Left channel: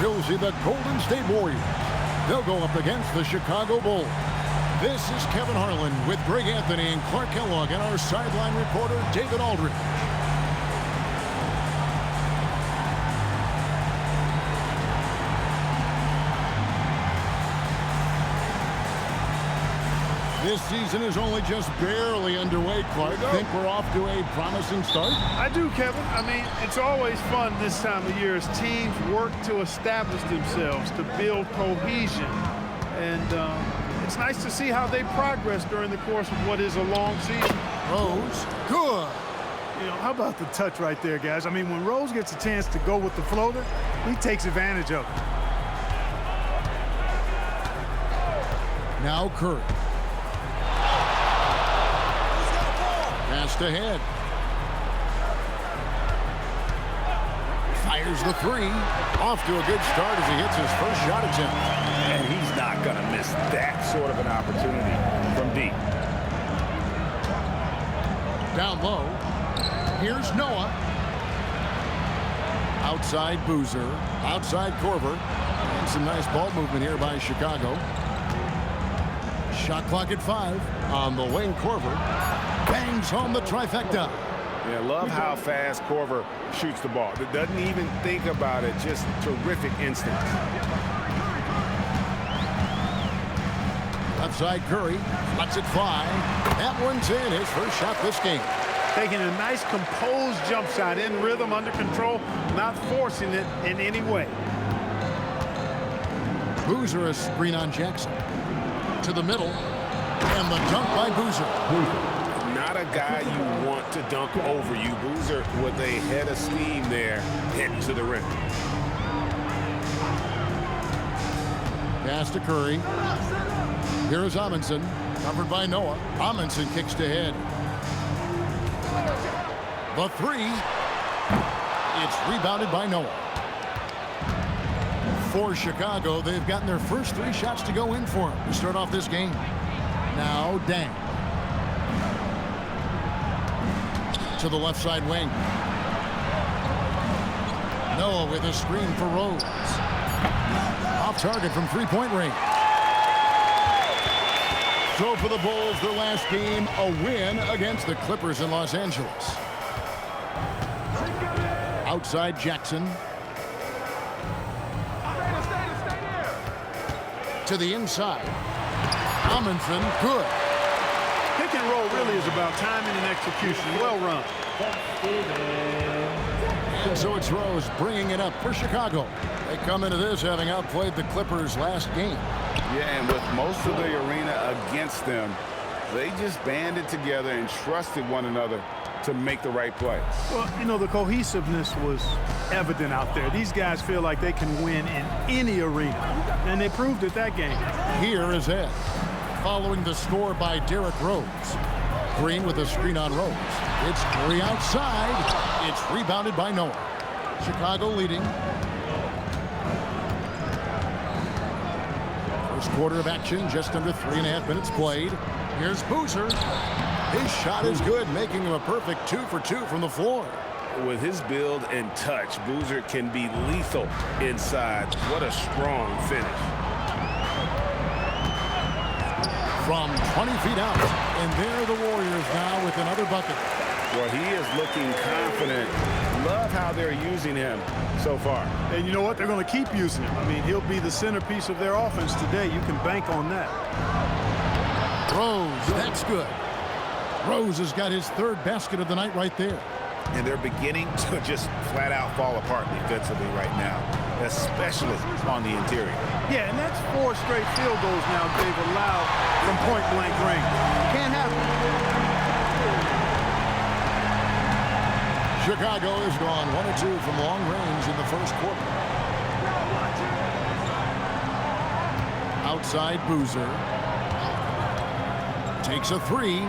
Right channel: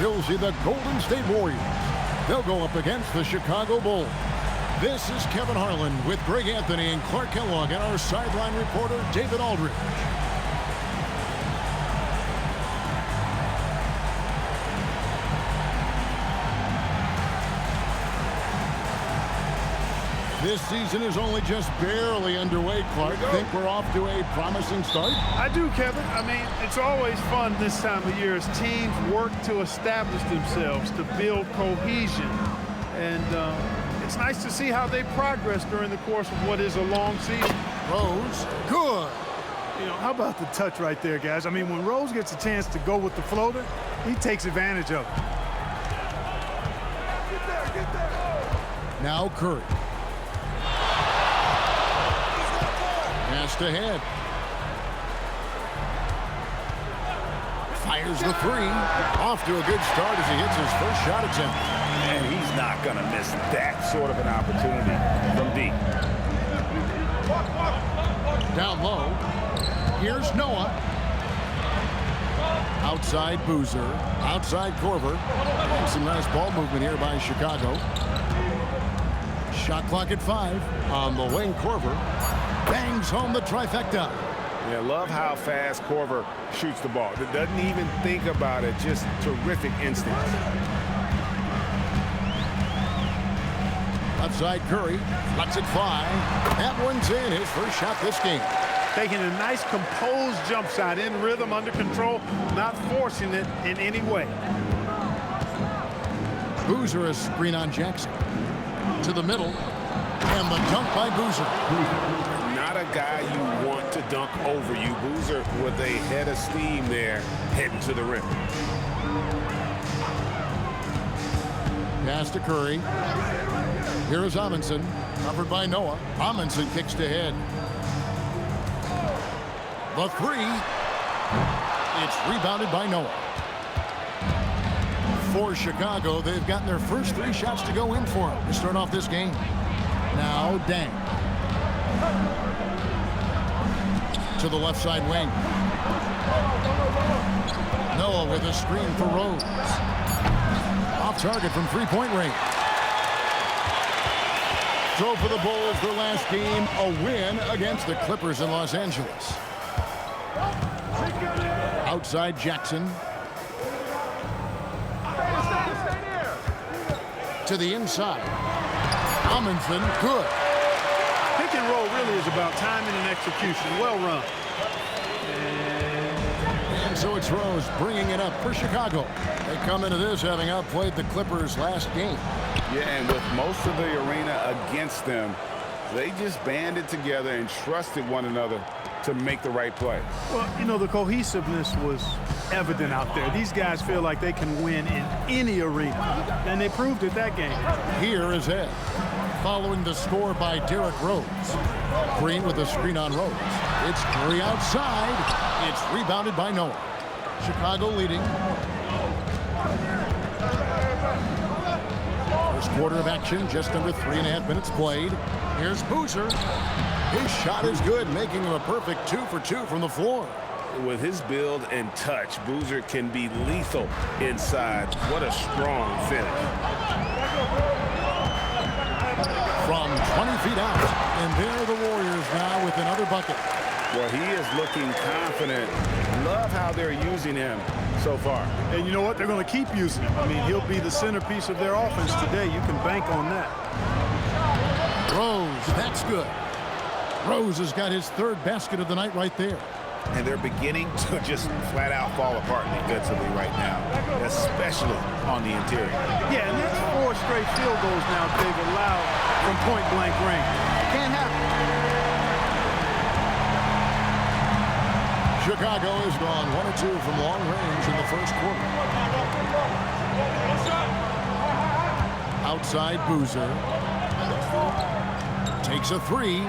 we'll see the Golden State Warriors. They'll go up against the Chicago Bulls. This is Kevin Harlan with Greg Anthony and Clark Kellogg and our sideline reporter, David Aldridge. This season is only just barely underway, Clark. Think we're off to a promising start? I do, Kevin. I mean, it's always fun this time of year as teams work to establish themselves, to build cohesion. And it's nice to see how they progress during the course of what is a long season. Rose, good. You know, how about the touch right there, guys? I mean, when Rose gets a chance to go with the floater, he takes advantage of it. Now Curry. Passed ahead. Fires the three. Off to a good start as he hits his first shot attempt. And he's not going to miss that sort of an opportunity from deep. Down low. Here's Noah. Outside Boozer. Outside Korver. And some nice ball movement here by Chicago. Shot clock at 5. On the wing, Korver bangs home the trifecta. Yeah, love how fast Korver shoots the ball. Doesn't even think about it. Just terrific instincts. Left side Curry lets it fly. That one's in, his first shot this game. Taking a nice composed jump shot in rhythm, under control, not forcing it in any way. Boozer a screen on Jackson. To the middle. And the dunk by Boozer. Not a guy you want to dunk over you. Boozer with a head of steam there heading to the rim. Pass to Curry. Here is Amundsen, covered by Noah. Amundsen kicks to head. The three. It's rebounded by Noah. For Chicago, they've gotten their first 3 shots to go in for them to start off this game. Now Dang. To the left side wing. Noah with a screen for Rose. Off target from three-point range. So for the Bulls, their last game, a win against the Clippers in Los Angeles. Outside Jackson. To the inside. Amundsen, good. Pick and roll really is about timing and execution. Well run. And so it's Rose bringing it up for Chicago. They come into this having outplayed the Clippers last game. Yeah, and with most of the arena against them, they just banded together and trusted one another to make the right play. Well, you know, the cohesiveness was evident out there. These guys feel like they can win in any arena, and they proved it that game. Here is Ed, following the score by Derrick Rose. Green with a screen on Rose. It's Curry outside. It's rebounded by Noah. Chicago leading. First quarter of action, just under 3.5 minutes played. Here's Boozer. His shot is good, making him a perfect 2 for 2 from the floor. With his build and touch, Boozer can be lethal inside. What a strong finish. From 20 feet out, and there are the Warriors now with another bucket. Well, he is looking confident. Love how they're using him so far. And you know what? They're going to keep using him. I mean, he'll be the centerpiece of their offense today. You can bank on that. Rose, that's good. Rose has got his 3rd basket of the night right there. And they're beginning to just flat out fall apart defensively right now, especially on the interior. Yeah, and that's 4 straight field goals now they've allowed from point-blank range. Can't happen. Chicago has gone 1 of 2 from long range in the first quarter. Outside Boozer. Takes a 3.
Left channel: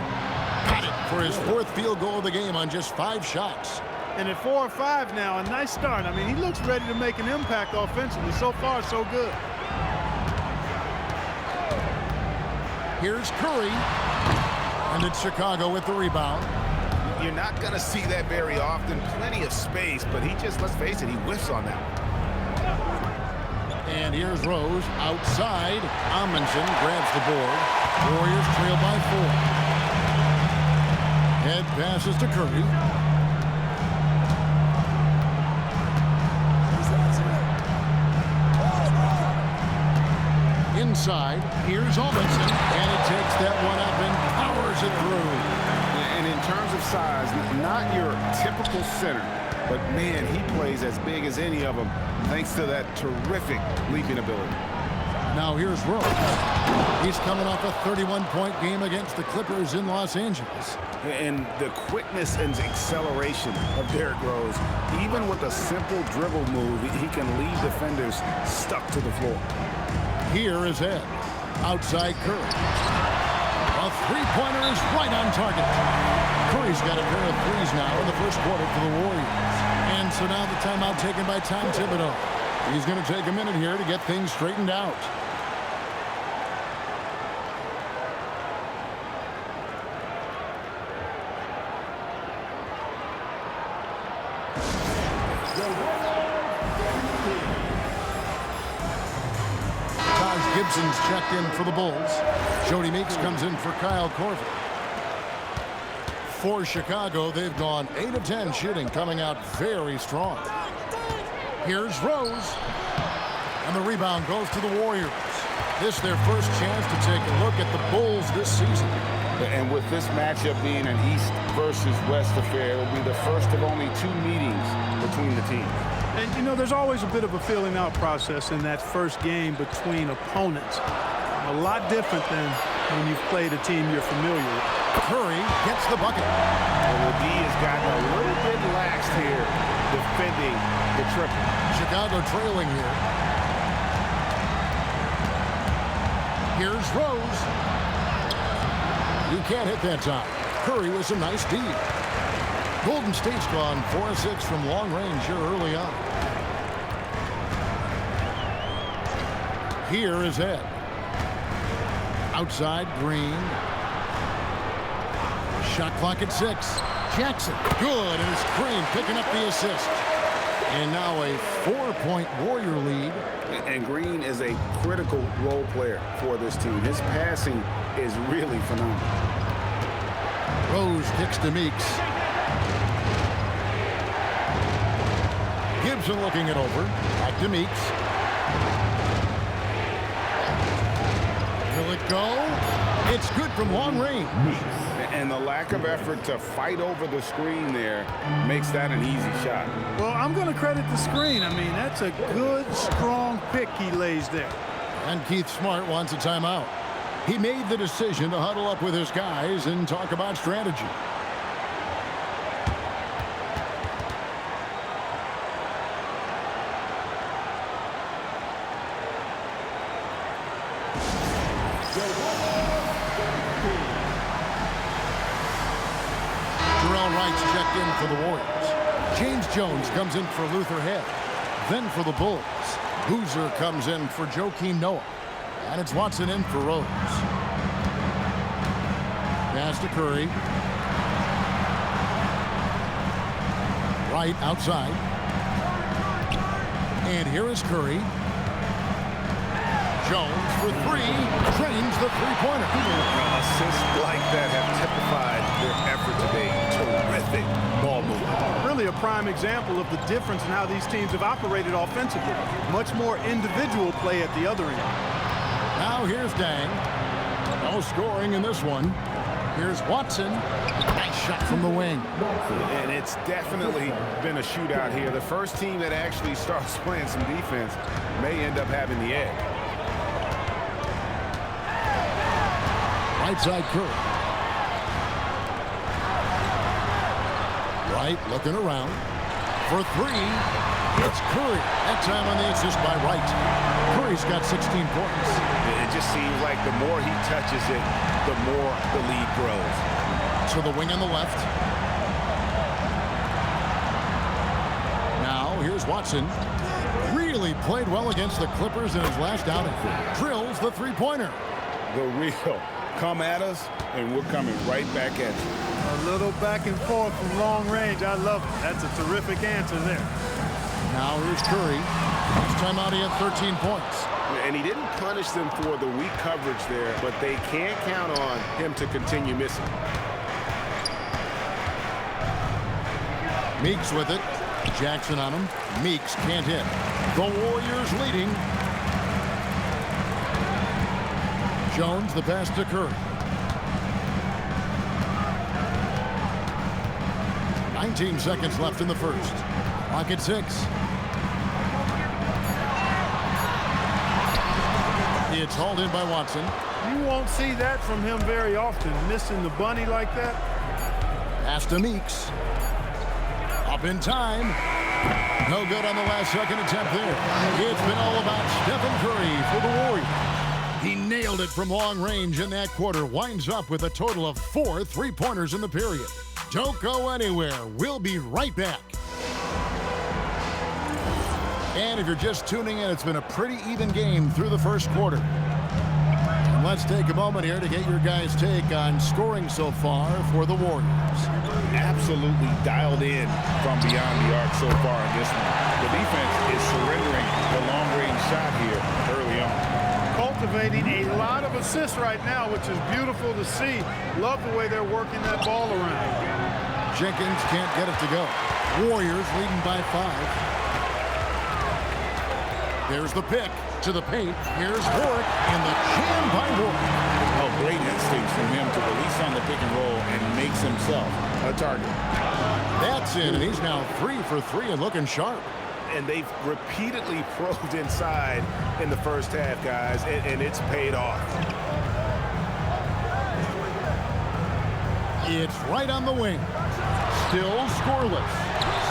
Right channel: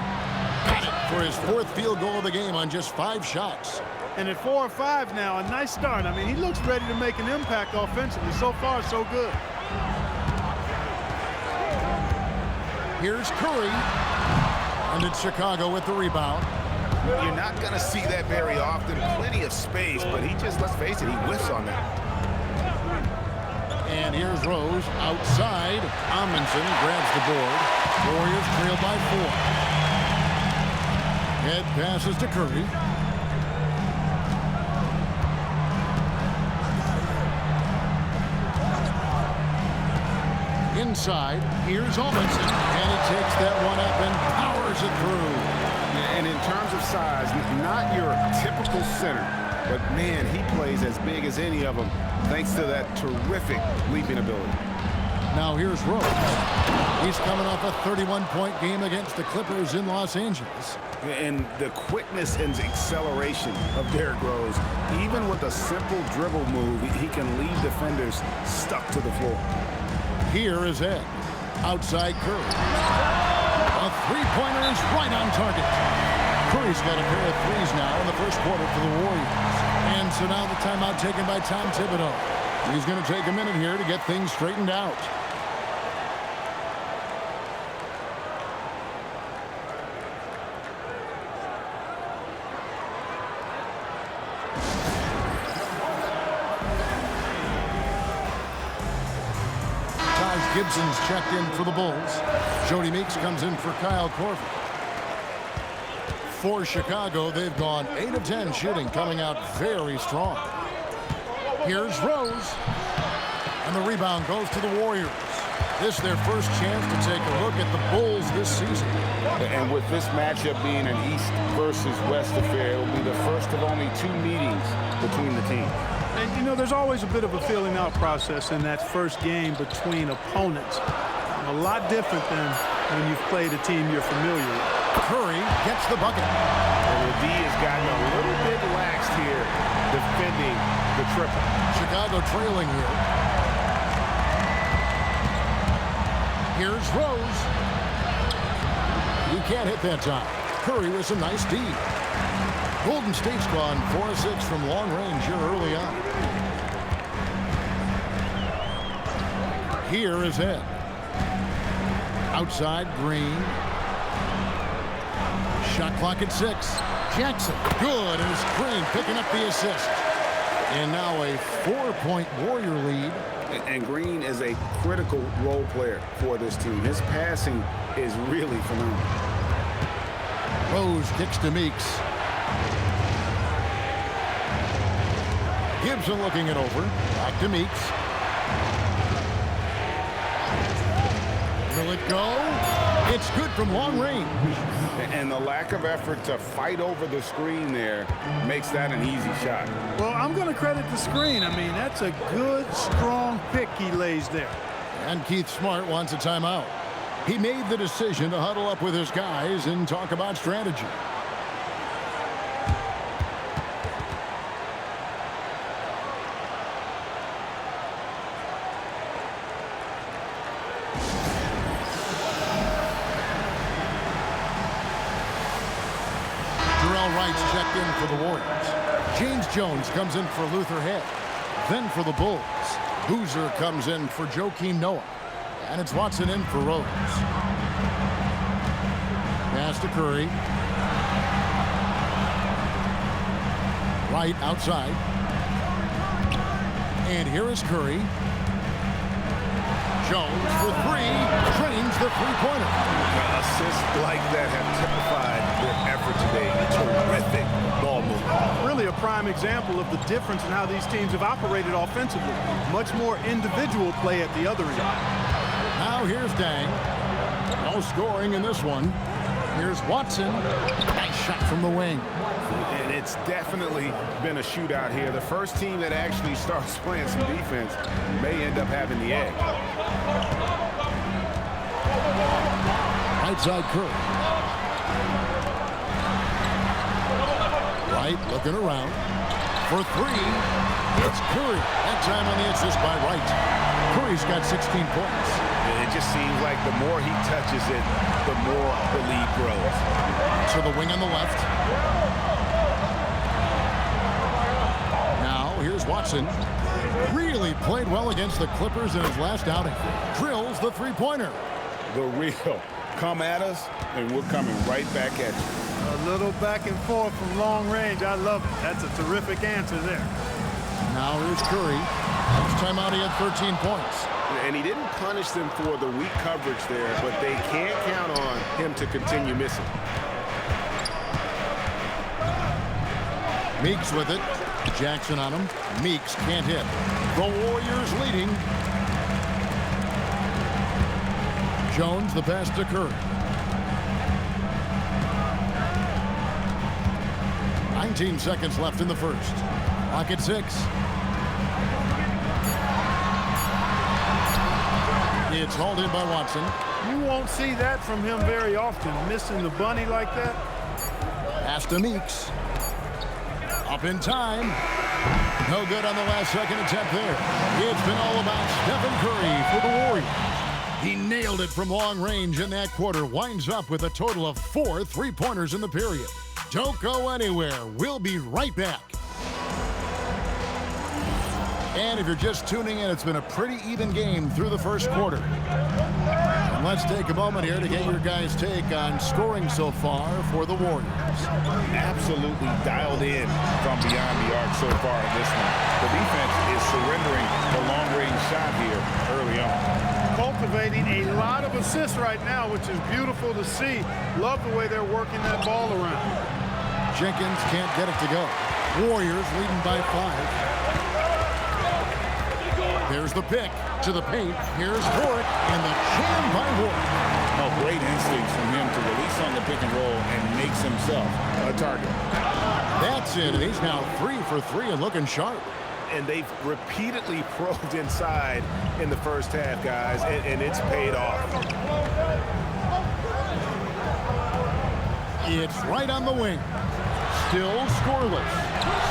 Got it for his 4th field goal of the game on just 5 shots. And at 4 or 5 now, a nice start. I mean, he looks ready to make an impact offensively. So far, so good. Here's Curry. And it's Chicago with the rebound. You're not going to see that very often. Plenty of space, but he just, let's face it, he whiffs on that. And here's Rose outside. Amundsen grabs the board. Warriors trail by 4. Head passes to Curry. Inside, here's Amundsen, and he takes that one up and powers it through. And in terms of size, not your typical center, but man, he plays as big as any of them thanks to that terrific leaping ability. Now here's Rose. He's coming off a 31-point game against the Clippers in Los Angeles. And the quickness and acceleration of Derrick Rose, even with a simple dribble move, he can leave defenders stuck to the floor. Here is Ed. Outside Curry. A three-pointer is right on target. Curry's got a pair of threes now in the first quarter for the Warriors. And so now the timeout taken by Tom Thibodeau. He's going to take a minute here to get things straightened out. Gibson's checked in for the Bulls. Jody Meeks comes in for Kyle Korver. For Chicago, they've gone 8 of 10 shooting, coming out very strong. Here's Rose. And the rebound goes to the Warriors. This is their first chance to take a look at the Bulls this season. And with this matchup being an East versus West affair, it will be the first of only 2 meetings between the teams. And, you know, there's always a bit of a feeling out process in that first game between opponents. A lot different than when you've played a team you're familiar with. Curry gets the bucket. Well, the D has gotten a little bit laxed here defending the triple. Chicago trailing here. Here's Rose. He can't hit that time. Curry with some nice D. Golden State's gone 4 of 6 from long range here early on. Here is Ed. Outside Green. Shot clock at 6. Jackson, good, and it's Green picking up the assist. And now a 4-point Warrior lead. And Green is a critical role player for this team. His passing is really phenomenal. Rose kicks to Meeks. Gibson looking it over. Back to Meeks. Will it go? It's good from long range. And the lack of effort to fight over the screen there makes that an easy shot. Well, I'm going to credit the screen. I mean, that's a good, strong pick he lays there. And Keith Smart wants a timeout. He made the decision to huddle up with his guys and talk about strategy. Wright's checked in for the Warriors. James Jones comes in for Luther Head. Then for the Bulls, Boozer comes in for Joakim Noah. And it's Watson in for Rose. Pass to Curry. Wright outside. And here is Curry. Jones for 3, drains the three-pointer. Assists like that have typified their effort today. Terrific ball movement. Really a prime example of the difference in how these teams have operated offensively. Much more individual play at the other end. Now here's Dang. No scoring in this one. Here's Watson. Nice shot from the wing. And it's definitely been a shootout here. The first team that actually starts playing some defense may end up having the edge. Right side Curry. Wright looking around. For 3, it's Curry. That time on the assist by Wright. Curry's got 16 points. It just seems like the more he touches it, the more the lead grows. To the wing on the left. Now here's Watson. Really played well against the Clippers in his last outing. Drills the three-pointer. The real. Come at us, and we're coming right back at you. A little back and forth from long range. I love it. That's a terrific answer there. Now here's Curry. Last time out, he had 13 points. And he didn't punish them for the weak coverage there, but they can't count on him to continue missing. Meeks with it. Jackson on him. Meeks can't hit. The Warriors leading. Jones, the pass to Curry. 19 seconds left in the first. Clock at 6. It's hauled in by Watson. You won't see that from him very often, missing the bunny like that. Pass to Meeks. Up in time. No good on the last second attempt there. It's been all about Stephen Curry for the Warriors. He nailed it from long range in that quarter. Winds up with a total of 4 3-pointers in the period. Don't go anywhere. We'll be right back. And if you're just tuning in, it's been a pretty even game through the first quarter. And let's take a moment here to get your guys' take on scoring so far for the Warriors. Absolutely dialed in from beyond the arc so far in this one. The defense is surrendering the long-range shot here early on. Cultivating a lot of assists right now, which is beautiful to see. Love the way they're working that ball around. Jenkins can't get it to go. Warriors leading by 5. There's the pick to the paint. Here's Warwick, and the jam by Warwick. Oh, great instincts from him to release on the pick and roll and makes himself a target. That's it, and he's now 3 for 3 and looking sharp. And they've repeatedly probed inside in the first half, guys, and it's paid off. It's right on the wing. Still scoreless.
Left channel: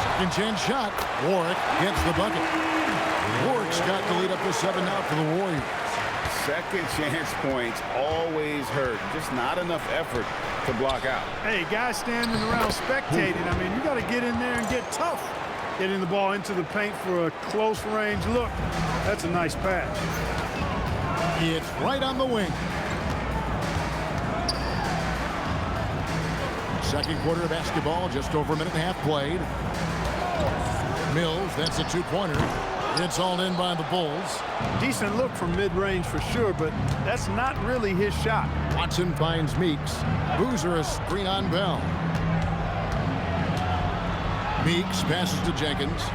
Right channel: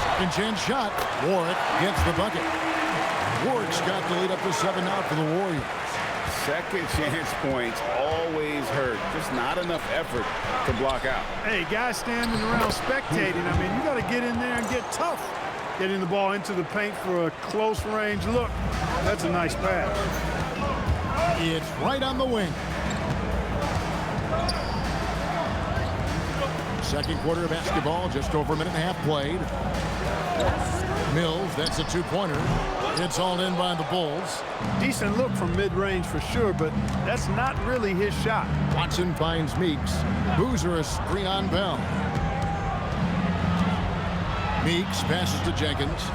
Second chance shot. Warwick gets the bucket. Warwick's got the lead up to 7 now for the Warriors. Second chance points always hurt. Just not enough effort to block out. Hey, guys standing around spectating, I mean, you got to get in there and get tough. Getting the ball into the paint for a close range look. That's a nice pass. It's right on the wing. Second quarter of basketball, just over a minute and a half played. Mills, that's a 2-pointer. It's all in by the Bulls. Decent look from mid-range for sure, but that's not really his shot. Watson finds Meeks. Boozer a screen on Bell. Meeks passes to Jenkins.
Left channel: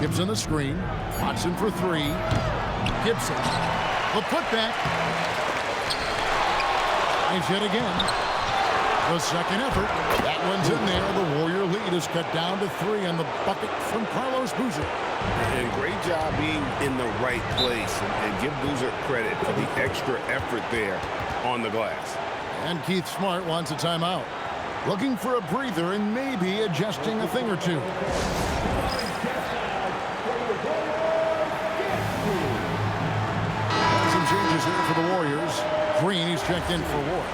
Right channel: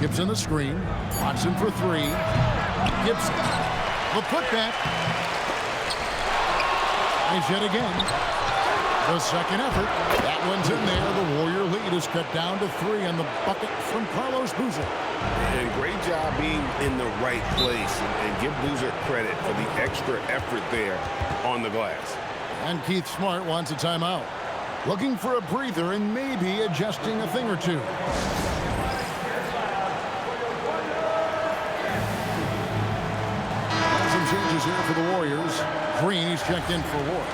Gibson the screen. Watson for 3. Gibson. The putback. Tries yet again. The second effort. That one's in there. The Warrior lead is cut down to 3 on the bucket from Carlos Boozer. And great job being in the right place. And give Boozer credit for the extra effort there on the glass. And Keith Smart wants a timeout. Looking for a breather and maybe adjusting a thing or two. And some changes here for the Warriors. Green, he's checked in for Ward.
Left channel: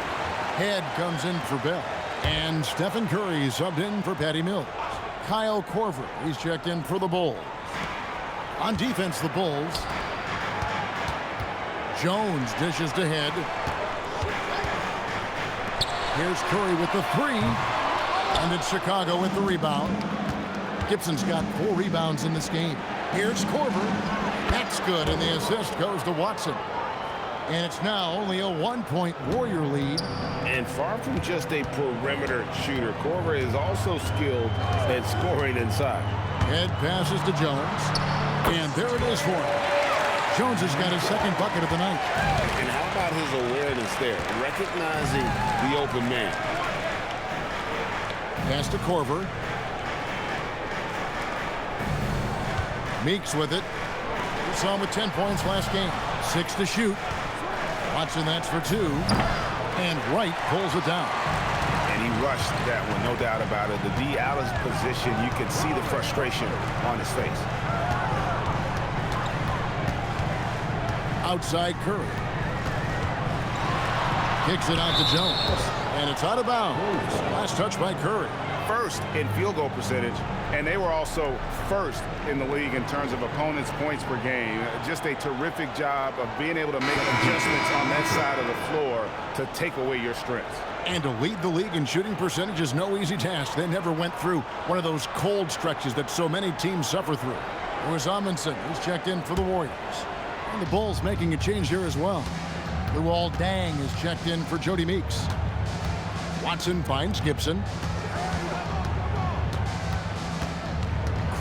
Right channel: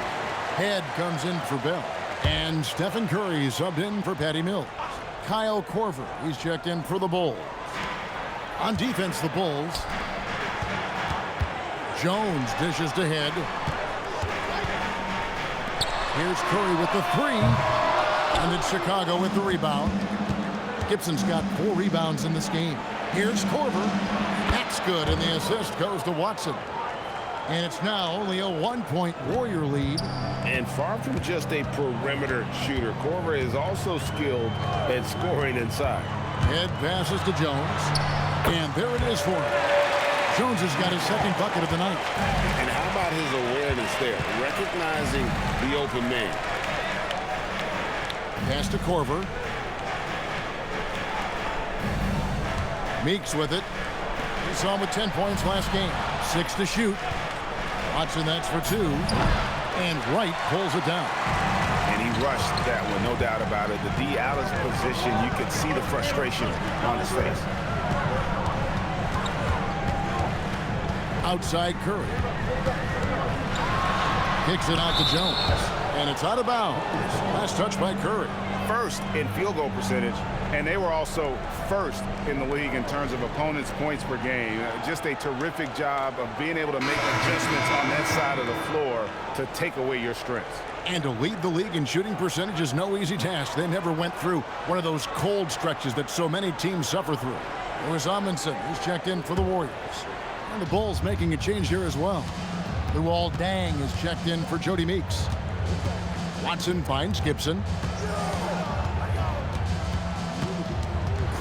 Head comes in for Bell. And Stephen Curry subbed in for Patty Mills. Kyle Korver, he's checked in for the Bulls. On defense, the Bulls. Jones dishes to Head. Here's Curry with the 3. And it's Chicago with the rebound. Gibson's got 4 rebounds in this game. Here's Korver. That's good, and the assist goes to Watson. And it's now only a 1-point Warrior lead. And far from just a perimeter shooter, Korver is also skilled at scoring inside. Head passes to Jones. And there it is for him. Jones has got his second bucket of the night. And how about his awareness there, recognizing the open man. Pass to Korver. Meeks with it. You saw him with 10 points last game. 6 to shoot. Watson, that's for 2. And Wright pulls it down. And he rushed that one, no doubt about it. The D out of position, you could see the frustration on his face. Outside Curry. Kicks it out to Jones. And it's out of bounds. Last touch by Curry. First in field goal percentage And they were also first in the league in terms of opponents' points per game. Just a terrific job of being able to make adjustments on that side of the floor to take away your strengths. And to lead the league in shooting percentage is no easy task. They never went through one of those cold stretches that so many teams suffer through. Lewis Amundsen, who's checked in for the Warriors. And the Bulls making a change here as well. Luol Deng is checked in for Jody Meeks. Watson finds Gibson.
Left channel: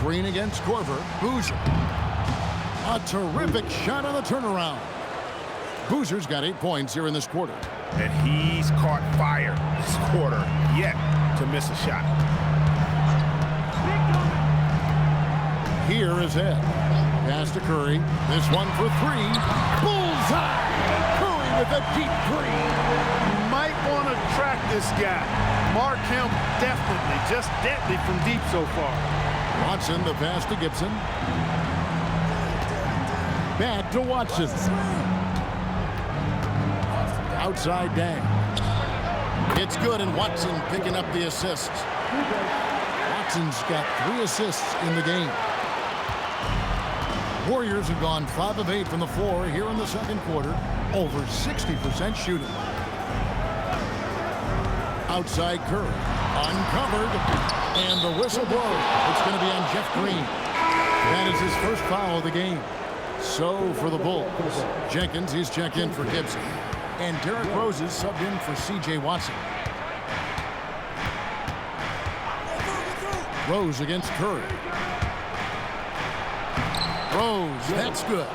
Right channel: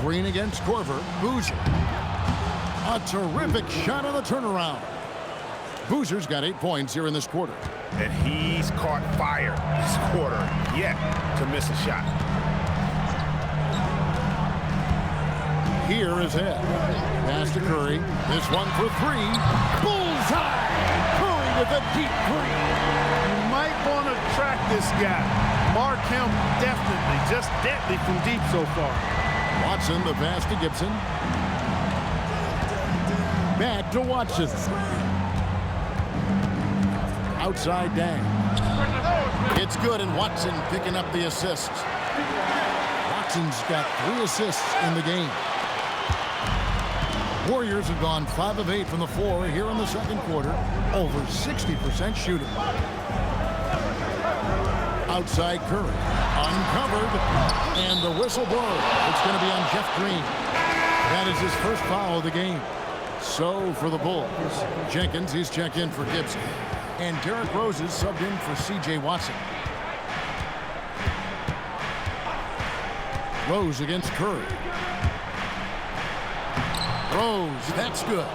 Green against Korver. Boozer. A terrific shot on the turnaround. Boozer's got 8 points here in this quarter. And he's caught fire this quarter, yet to miss a shot. Here is Ed. Pass to Curry. This one for three. Bullseye! Curry with a deep three. You might want to track this guy. Mark him definitely. Just deadly from deep so far. Watson, the pass to Gibson. Back to Watson. Outside Deng. It's good, and Watson picking up the assist. Watson's got 3 assists in the game. Warriors have gone 5 of 8 from the floor here in the second quarter. Over 60% shooting. Outside Curry. Uncovered. And the whistle blows. It's going to be on Jeff Green. That is his first foul of the game. So for the Bulls, Jenkins, he's checked in for Gibson. And Derrick Rose is subbed in for C.J. Watson. Rose against Curry. Rose, that's good.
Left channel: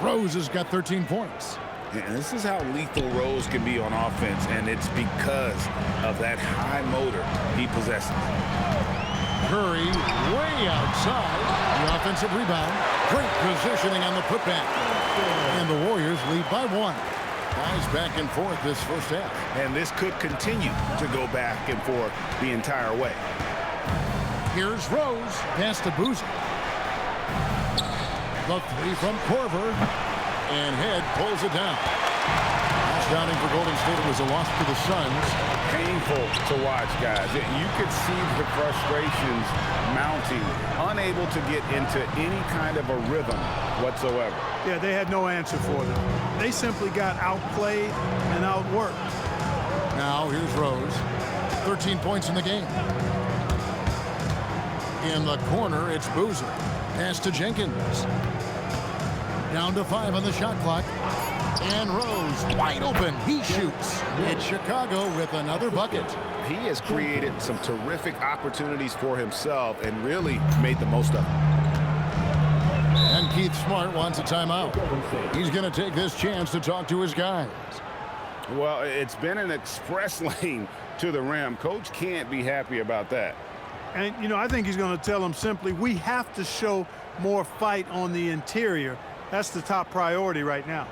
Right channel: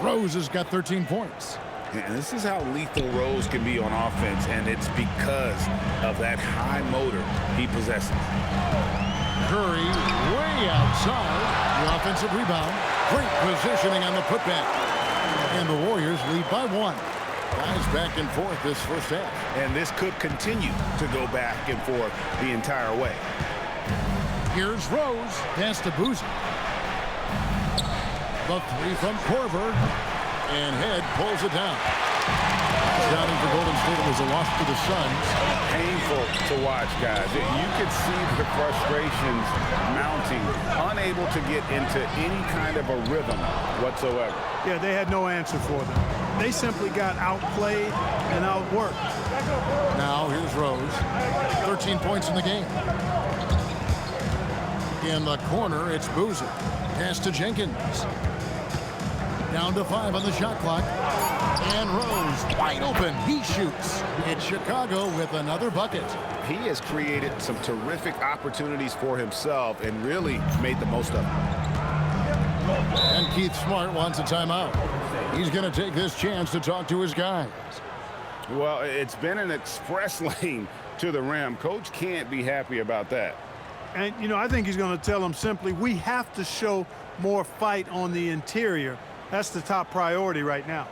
Rose has got 13 points. And this is how lethal Rose can be on offense, and it's because of that high motor he possesses. Curry way outside. The offensive rebound. Great positioning on the putback. And the Warriors lead by 1. Guys back and forth this first half. And this could continue to go back and forth the entire way. Here's Rose. Pass to Boozer. The three from Korver. And Head pulls it down. Last outing for Golden State, it was a loss to the Suns. Painful to watch, guys. You could see the frustrations mounting, unable to get into any kind of a rhythm whatsoever. Yeah, they had no answer for them. They simply got outplayed and outworked. Now here's Rose. 13 points in the game. In the corner, it's Boozer. Pass to Jenkins. Down to 5 on the shot clock. And Rose wide open. He shoots. It's Chicago with another bucket. He has created some terrific opportunities for himself and really made the most of them. And Keith Smart wants a timeout. He's going to take this chance to talk to his guys. Well, it's been an express lane to the rim. Coach can't be happy about that. And, you know, I think he's going to tell them simply, we have to show more fight on the interior. That's the top priority right now.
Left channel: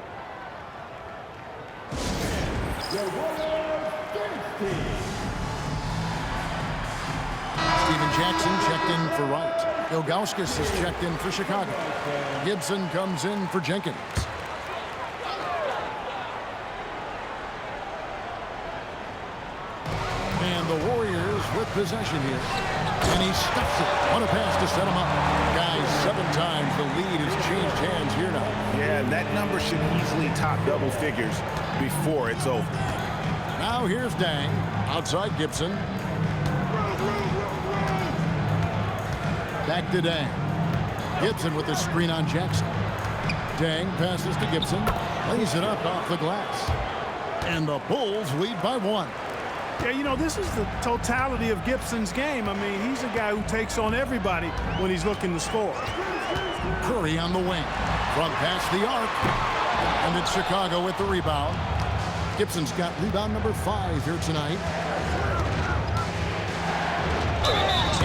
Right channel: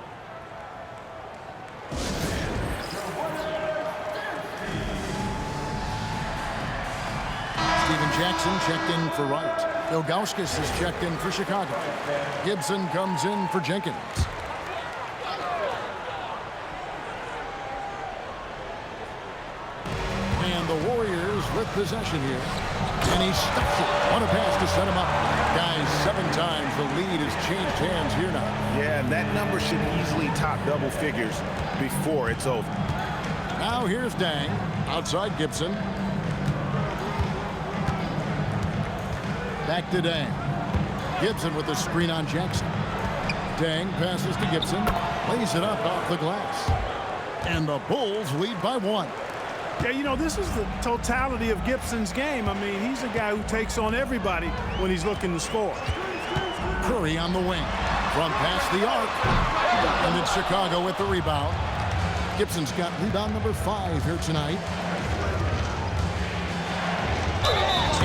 Steven Jackson checked in for Wright. Ilgauskas is checked in for Chicago. Gibson comes in for Jenkins. And the Warriors with possession here. And he stuffs it. What a pass to set him up. Guys, 7 times the lead has changed hands here now. Yeah, and that number should easily top double figures before it's over. Now here's Deng. Outside Gibson. Back to Deng. Gibson with the screen on Jackson. Deng passes to Gibson. Lays it up off the glass. And the Bulls lead by 1. Yeah, you know, this is the totality of Gibson's game. I mean, he's a guy who takes on everybody when he's looking to score. Curry on the wing. From past the arc. And it's Chicago with the rebound. Gibson's got rebound number 5 here tonight.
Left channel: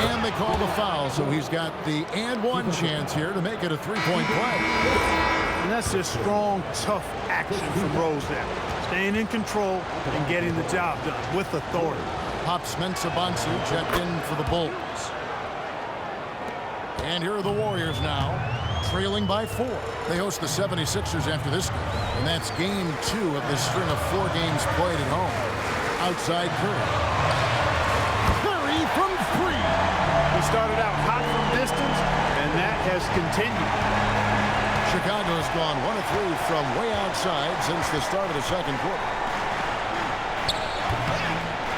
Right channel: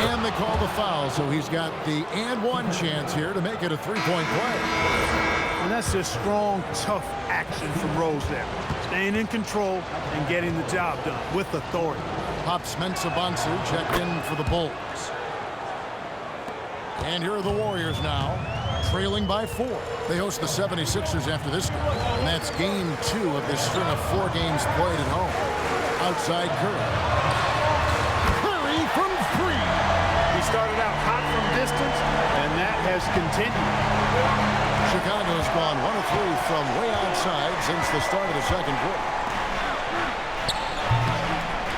And they call the foul, so he's got the and 1 chance here to make it a 3-point play. And that's just strong, tough action from Rose there. Staying in control and getting the job done with authority. Pops Mensah-Bonsu checked in for the Bulls. And here are the Warriors now, trailing by 4. They host the 76ers after this game. And that's game 2 of this string of 4 games played at home. Outside Curry. Curry from 3. He started out hot from distance, and that has continued. Chicago's gone 1 of 3 from way outside since the start of the second quarter.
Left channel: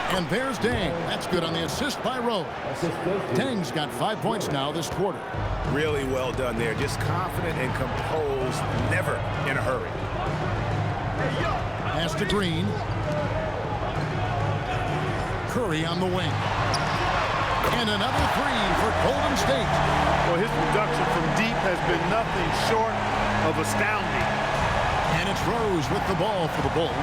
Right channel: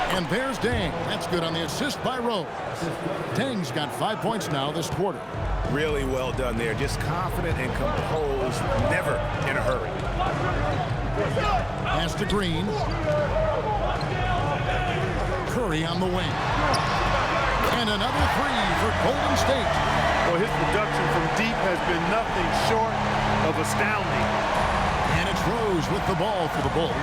And there's Dang. That's good on the assist by Rose. Dang's got 5 points now this quarter. Really well done there. Just confident and composed, never in a hurry. Pass to Green. Curry on the wing. And another 3 for Golden State. Well, his production from deep has been nothing short of astounding. And it's Rose with the ball for the Bulls.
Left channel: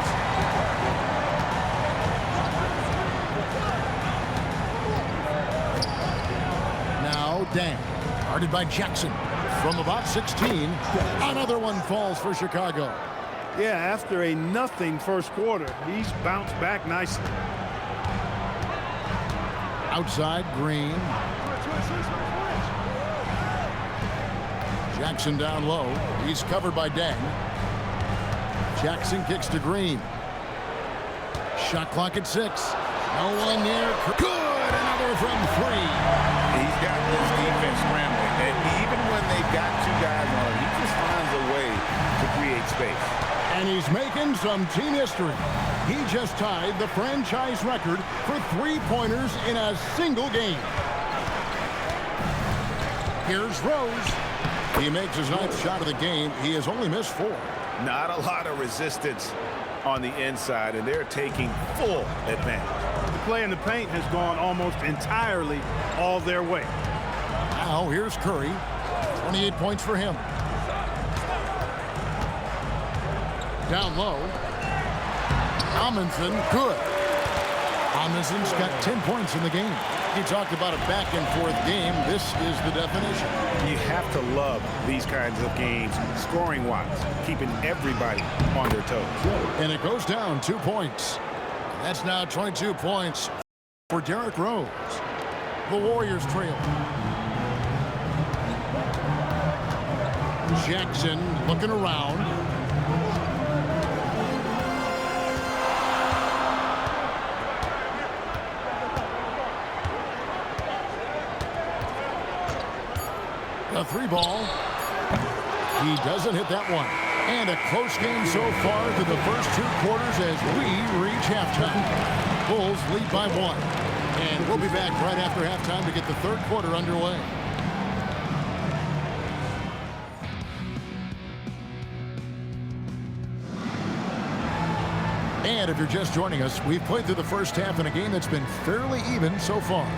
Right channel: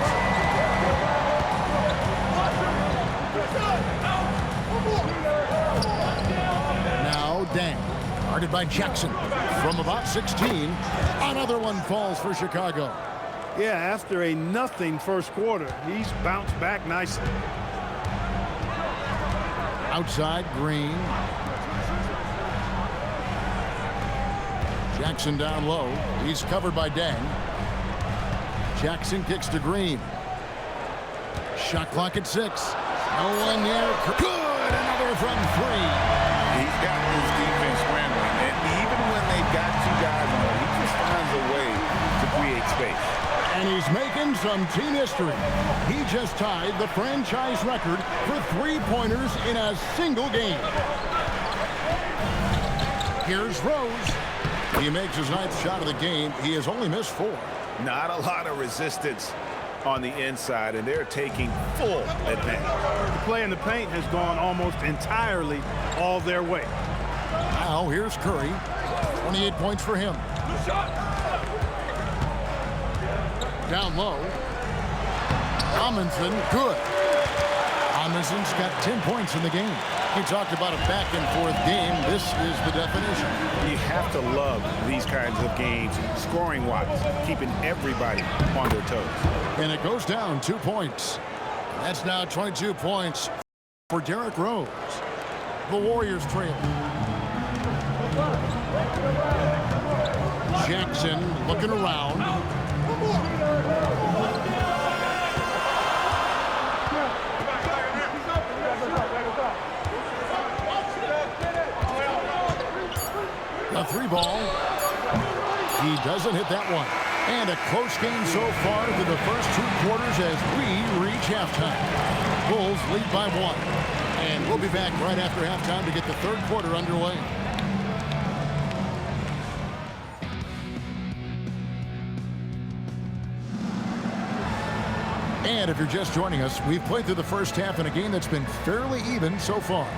Now Dang. Guarded by Jackson. From about 16. Another one falls for Chicago. Yeah, after a nothing first quarter, he's bounced back nicely. Outside, Green. Jackson down low. He's covered by Dang. Jackson kicks to Green. Shot clock at 6. No one there. Good! Another from 3. He's got this defense scrambling, and even when they've got 2 guys on him, he just finds a way to create space. And he's making some team history. He just tied the franchise record for 3-pointers in a single game. Here's Rose. He makes his 9th shot of the game. He has only missed 4. Not a lot of resistance on the inside, and they're taking full advantage. The play in the paint has gone almost entirely all their way. Now here's Curry. 28 points for him. Down low. Amundsen, good. Amundsen's got 10 points in the game. You talked about a back-and-forth game. This is the definition. You have to love these kinds of games, scoring-wise, keeping everybody on their toes. And it goes down 2 points. And that's now 22 points for Derrick Rose. The Warriors trail. Jackson looking around. A 3-ball. He doesn't hit that one. And a close game so far through the first 2 quarters as we reach halftime. Bulls lead by 1. And we'll be back right after halftime to get the third quarter underway. And if you're just joining us, we've played through the first half in a game that's been fairly even so far.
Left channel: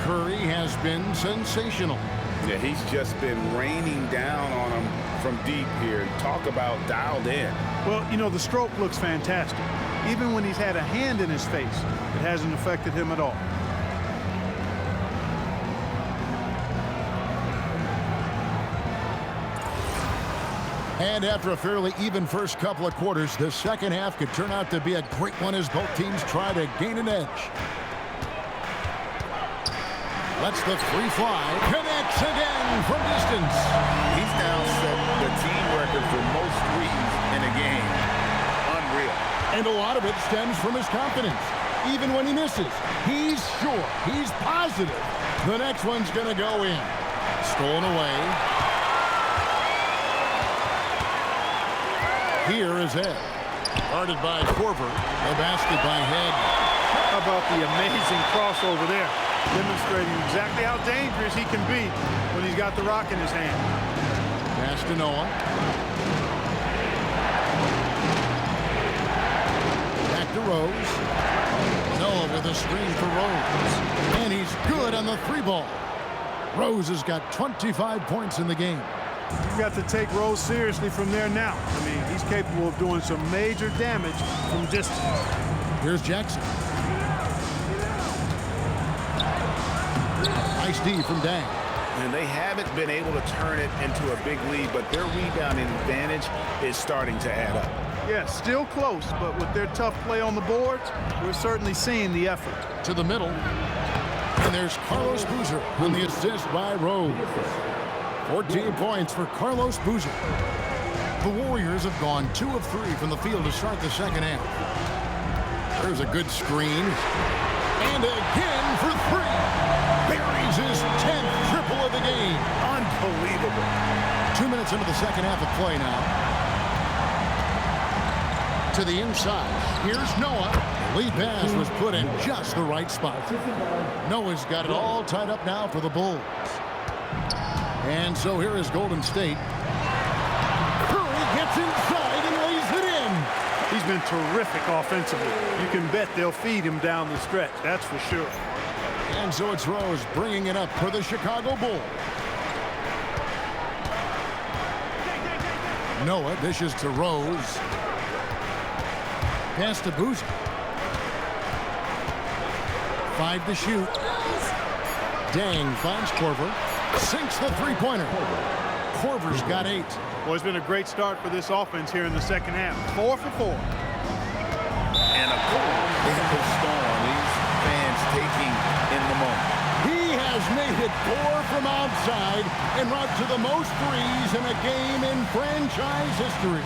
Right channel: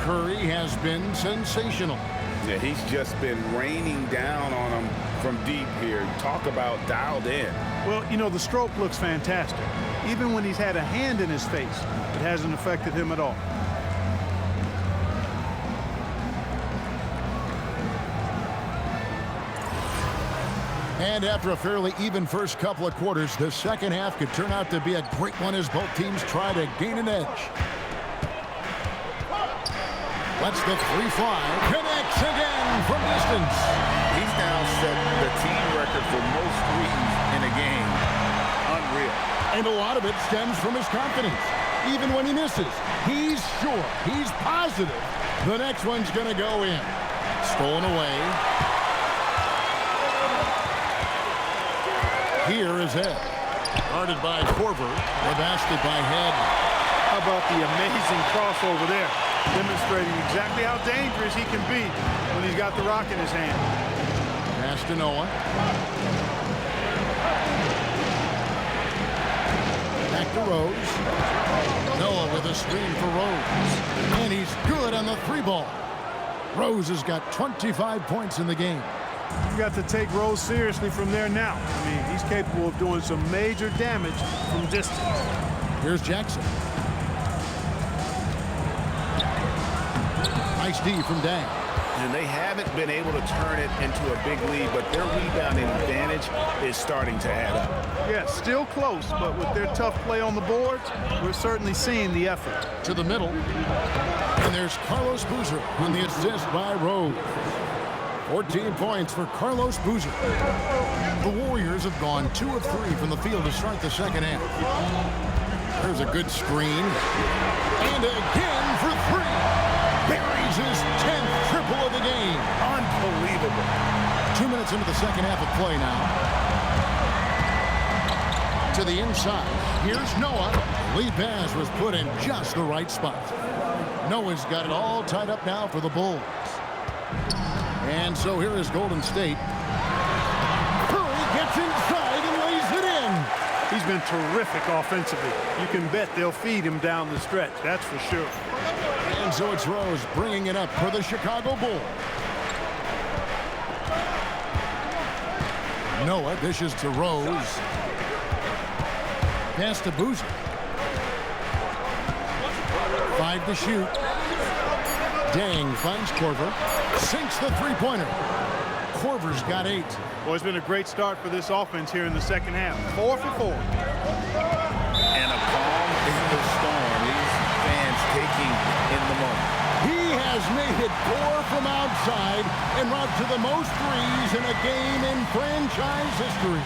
Curry has been sensational. Yeah, he's just been raining down on them from deep here. Talk about dialed in. Well, you know, the stroke looks fantastic. Even when he's had a hand in his face, it hasn't affected him at all. And after a fairly even first couple of quarters, the second half could turn out to be a great one as both teams try to gain an edge. Lets the 3 fly. Connects again from distance. He's now set the team record for most threes in a game. Unreal. And a lot of it stems from his confidence. Even when he misses, he's sure, he's positive the next one's going to go in. Stolen away. Here is Ed. Guarded by Korver. The basket by Head. How about the amazing crossover there? Demonstrating exactly how dangerous he can be when he's got the rock in his hand. Pass to Noah. Back to Rose. Noah with a screen for Rose. And he's good on the 3-ball. Rose has got 25 points in the game. You've got to take Rose seriously from there now. I mean, he's capable of doing some major damage from distance. Here's Jackson. Nice D from Dang. And they haven't been able to turn it into a big lead, but their rebounding advantage is starting to add up. Yeah, still close, but with their tough play on the boards, we're certainly seeing the effort. To the middle. And there's Carlos Boozer on the assist by Rose. 14 points for Carlos Boozer. The Warriors have gone 2 of 3 from the field to start the second half. There's a good screen. And again for 3. buries his 10th triple of the game. Unbelievable. 2 minutes into the second half of play now. To the inside. Here's Noah. The lead pass was put in just the right spot. Noah's got it all tied up now for the Bulls. And so here is Golden State. Curry gets inside and lays it in. He's been terrific offensively. You can bet they'll feed him down the stretch, that's for sure. And so it's Rose bringing it up for the Chicago Bulls. Noah dishes to Rose. Pass to Boozer. 5 to shoot. Dang finds Korver. Sinks the three-pointer. Korver's got 8. Well, it's been a great start for this offense here in the second half. 4 for 4. And a calm in the storm. These fans taking in the moment. He has made it 4 from outside en route to the most threes in a game in franchise history.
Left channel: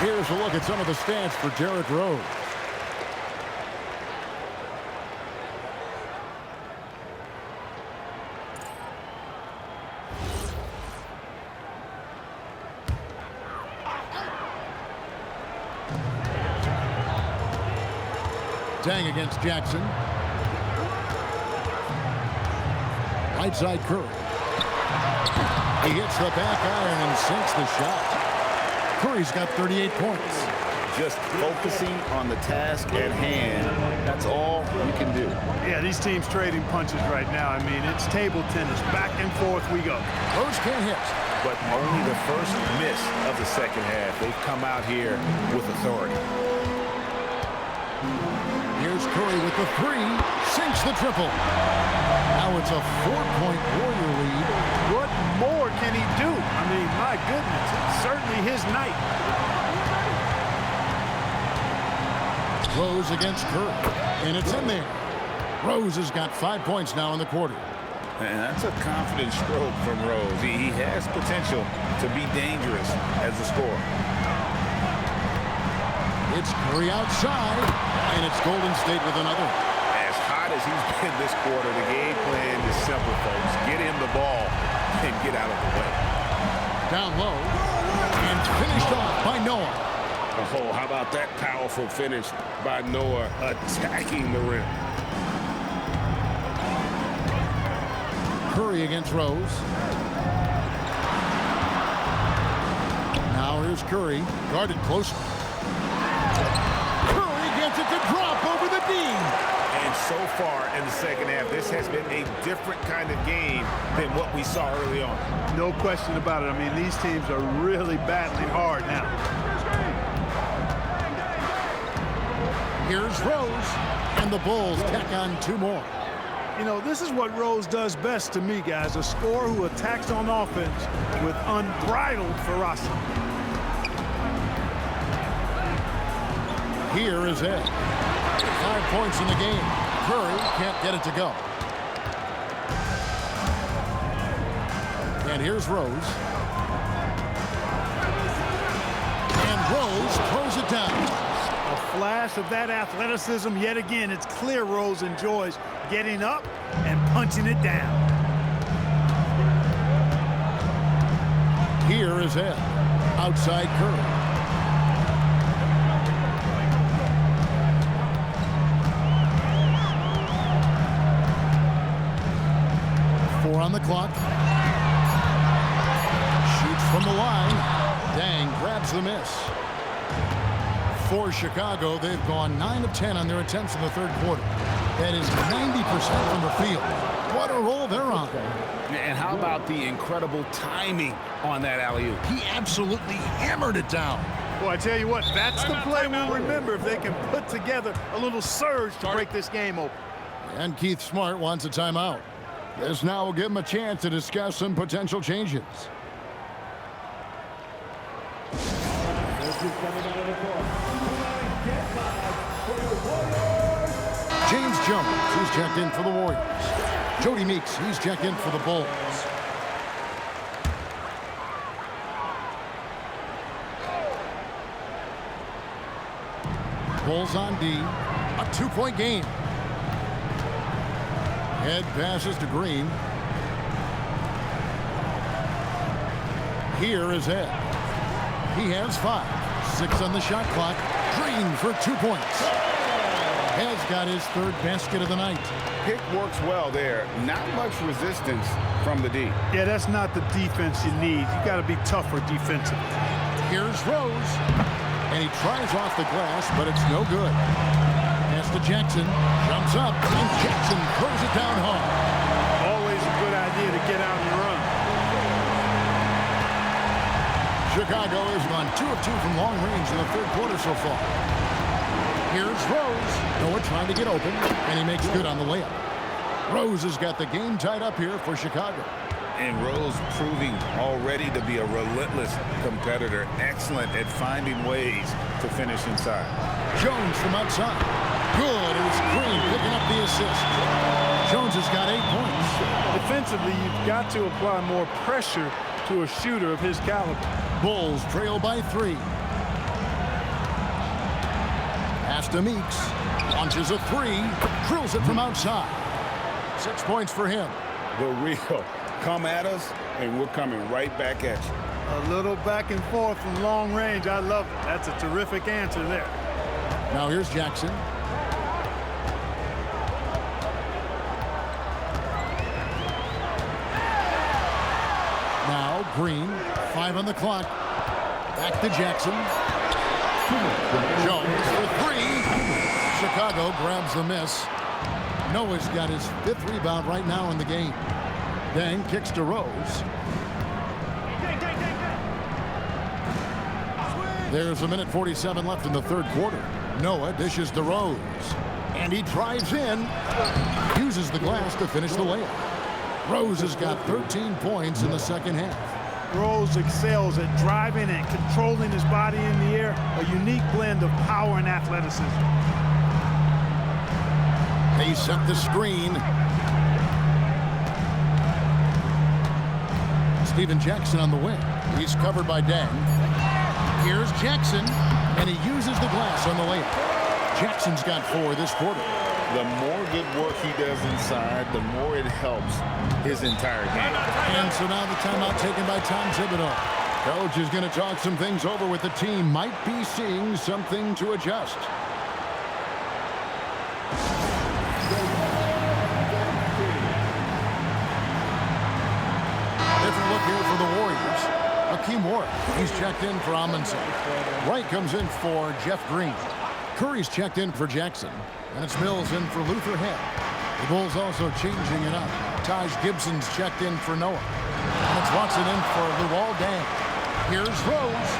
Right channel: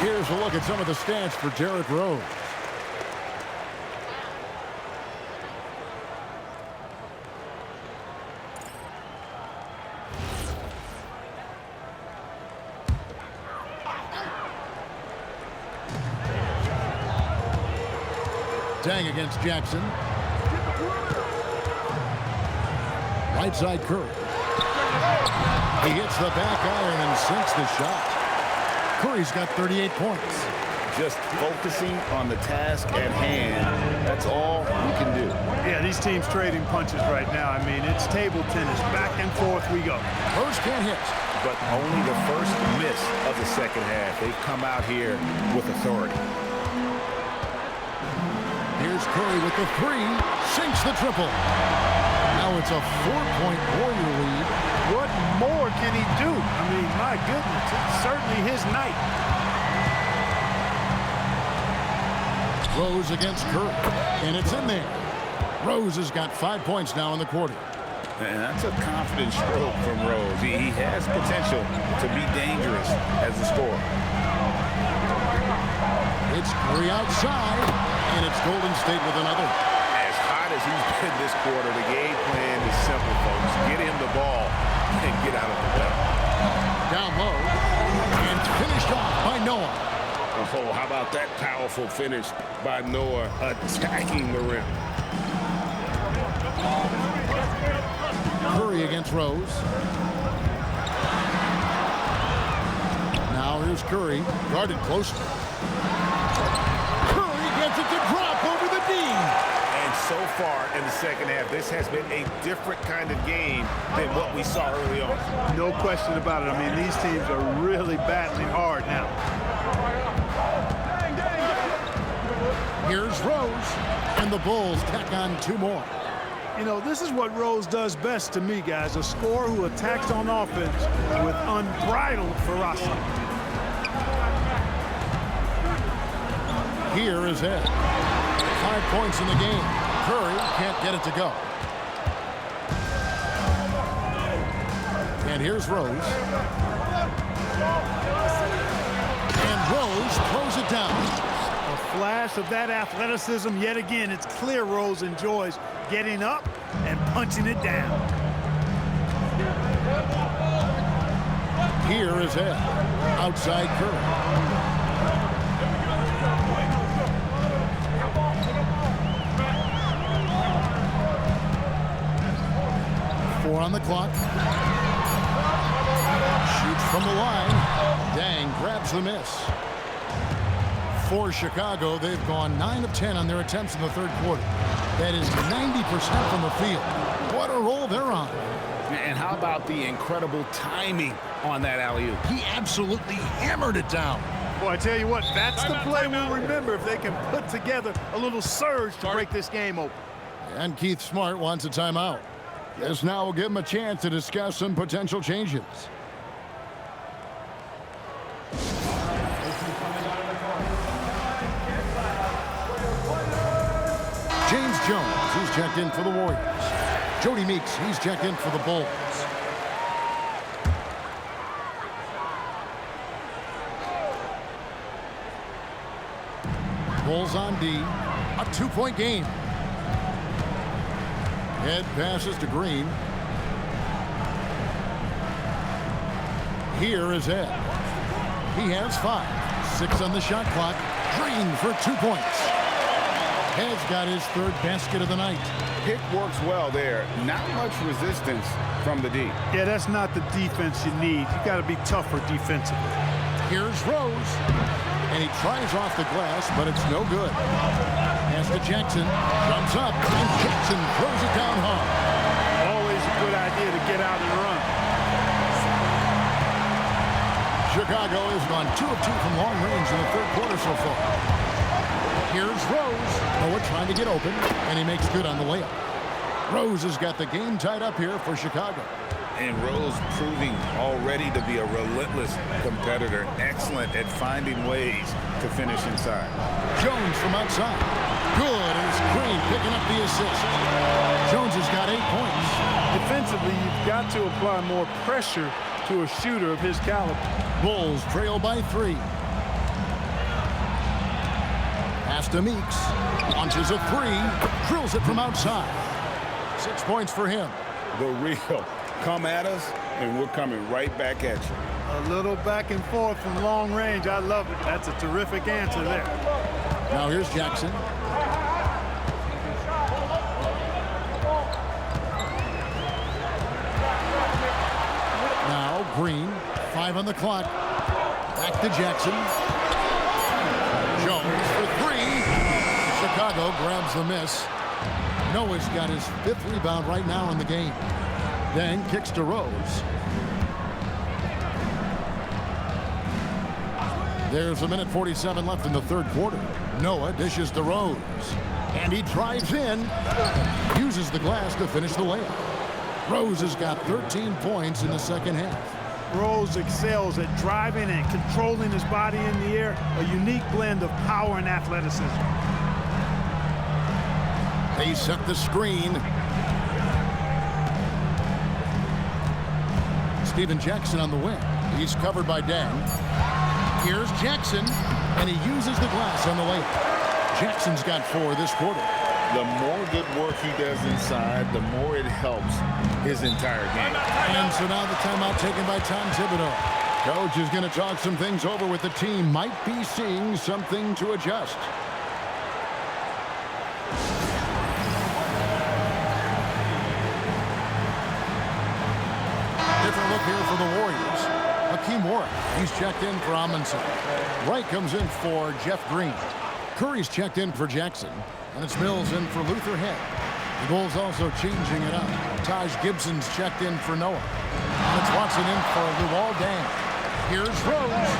Here's a look at some of the stats for Derrick Rose. Dang against Jackson. Right side Curry. He hits the back iron and sinks the shot. Curry's got 38 points. Just focusing on the task at hand. That's all you can do. Yeah, these teams trading punches right now. I mean, it's table tennis. Back and forth we go. Rose can't hit. But only the first miss of the second half. They've come out here with authority. Here's Curry with the 3. Sinks the triple. Now it's a 4-point Warrior lead. What more can he do? I mean, my goodness, it's certainly his night. Rose against Curry, and it's in there. Rose has got 5 points now in the quarter. And that's a confident stroke from Rose. He has potential to be dangerous as a scorer. It's Curry outside, and it's Golden State with another. As hot as he's been this quarter, the game plan is simple, folks. Get him the ball and get out of the way. Down low, and finished off by Noah. Oh, how about that powerful finish by Noah attacking the rim. Curry against Rose. Now here's Curry, guarded closely. Curry gets it to drop over the D. And so far in the second half, this has been a different kind of game than what we saw early on. No question about it. I mean, these teams are really battling hard now. Here's Rose, and the Bulls tack on 2 more. You know, this is what Rose does best to me, guys. A scorer who attacks on offense with unbridled ferocity. Here is Ed. 5 points in the game. Curry can't get it to go. And here's Rose. And Rose throws it down. A flash of that athleticism yet again. It's clear Rose enjoys getting up and punching it down. Here is Ed. Outside Curry. Four on the clock. Shoots from the line. Dang grabs the miss. For Chicago, they've gone 9 of 10 on their attempts in the third quarter. That is 90% from the field. What a roll they're on. And how about the incredible timing on that alley-oop? He absolutely hammered it down. Boy, I tell you what, that's the play we'll remember if they can put together a little surge to break this game open. And Keith Smart wants a timeout. This now will give him a chance to discuss some potential changes. James Jones, who's checked in for the Warriors. Jody Meeks, he's checked in for the Bulls. Bulls on D. A 2-point game. Head passes to Green. Here is Ed. He has 5. 6 on the shot clock. Green for 2 points. Ed's got his 3rd basket of the night. Pick works well there. Not much resistance from the D. Yeah, that's not the defense you need. You got to be tougher defensively. Here's Rose. And he tries off the glass, but it's no good. Pass to Jackson. Jumps up, and Jackson throws it down hard. Always a good idea to get out and run. Chicago has gone 2 of 2 from long range in the 3rd quarter so far. Here's Rose. Noah trying to get open, and he makes good on the layup. Rose has got the game tied up here for Chicago. And Rose proving already to be a relentless competitor, excellent at finding ways to finish inside. Jones from outside. Good, and it's Green picking up the assist. Jones has got 8 points. Defensively, you've got to apply more pressure to a shooter of his caliber. Bulls trail by 3. Pass to Meeks. Launches a 3. Drills it from outside. 6 points for him. The real. Come at us, and we're coming right back at you. A little back and forth from long range. I love it. That's a terrific answer there. Now here's Jackson. Now Green. 5 on the clock. Back to Jackson. Jones for 3. Chicago grabs the miss. Noah's got his 5th rebound right now in the game. Dang kicks to Rose. There's a minute 47 left in the 3rd quarter. Noah dishes to Rose. And he drives in. Uses the glass to finish the layup. Rose has got 13 points in the 2nd half. Rose excels at driving and controlling his body in the air. A unique blend of power and athleticism. They set the screen. Steven Jackson on the wing. He's covered by Dang. Here's Jackson, and he uses the glass on the layup. Jackson's got 4 this quarter. The more good work he does inside, the more it helps his entire game. And so now the timeout taken by Tom Thibodeau. Coach is going to talk some things over with the team. Might be seeing something to adjust. Different look here for the Warriors. Hakeem Warwick, he's checked in for Amundsen. Wright comes in for Jeff Green. Curry's checked in for Jackson. And it's Mills in for Luther Head. The Bulls also changing it up. Taj Gibson's checked in for Noah. And it's Watson in for Luol Deng. Here's Rose.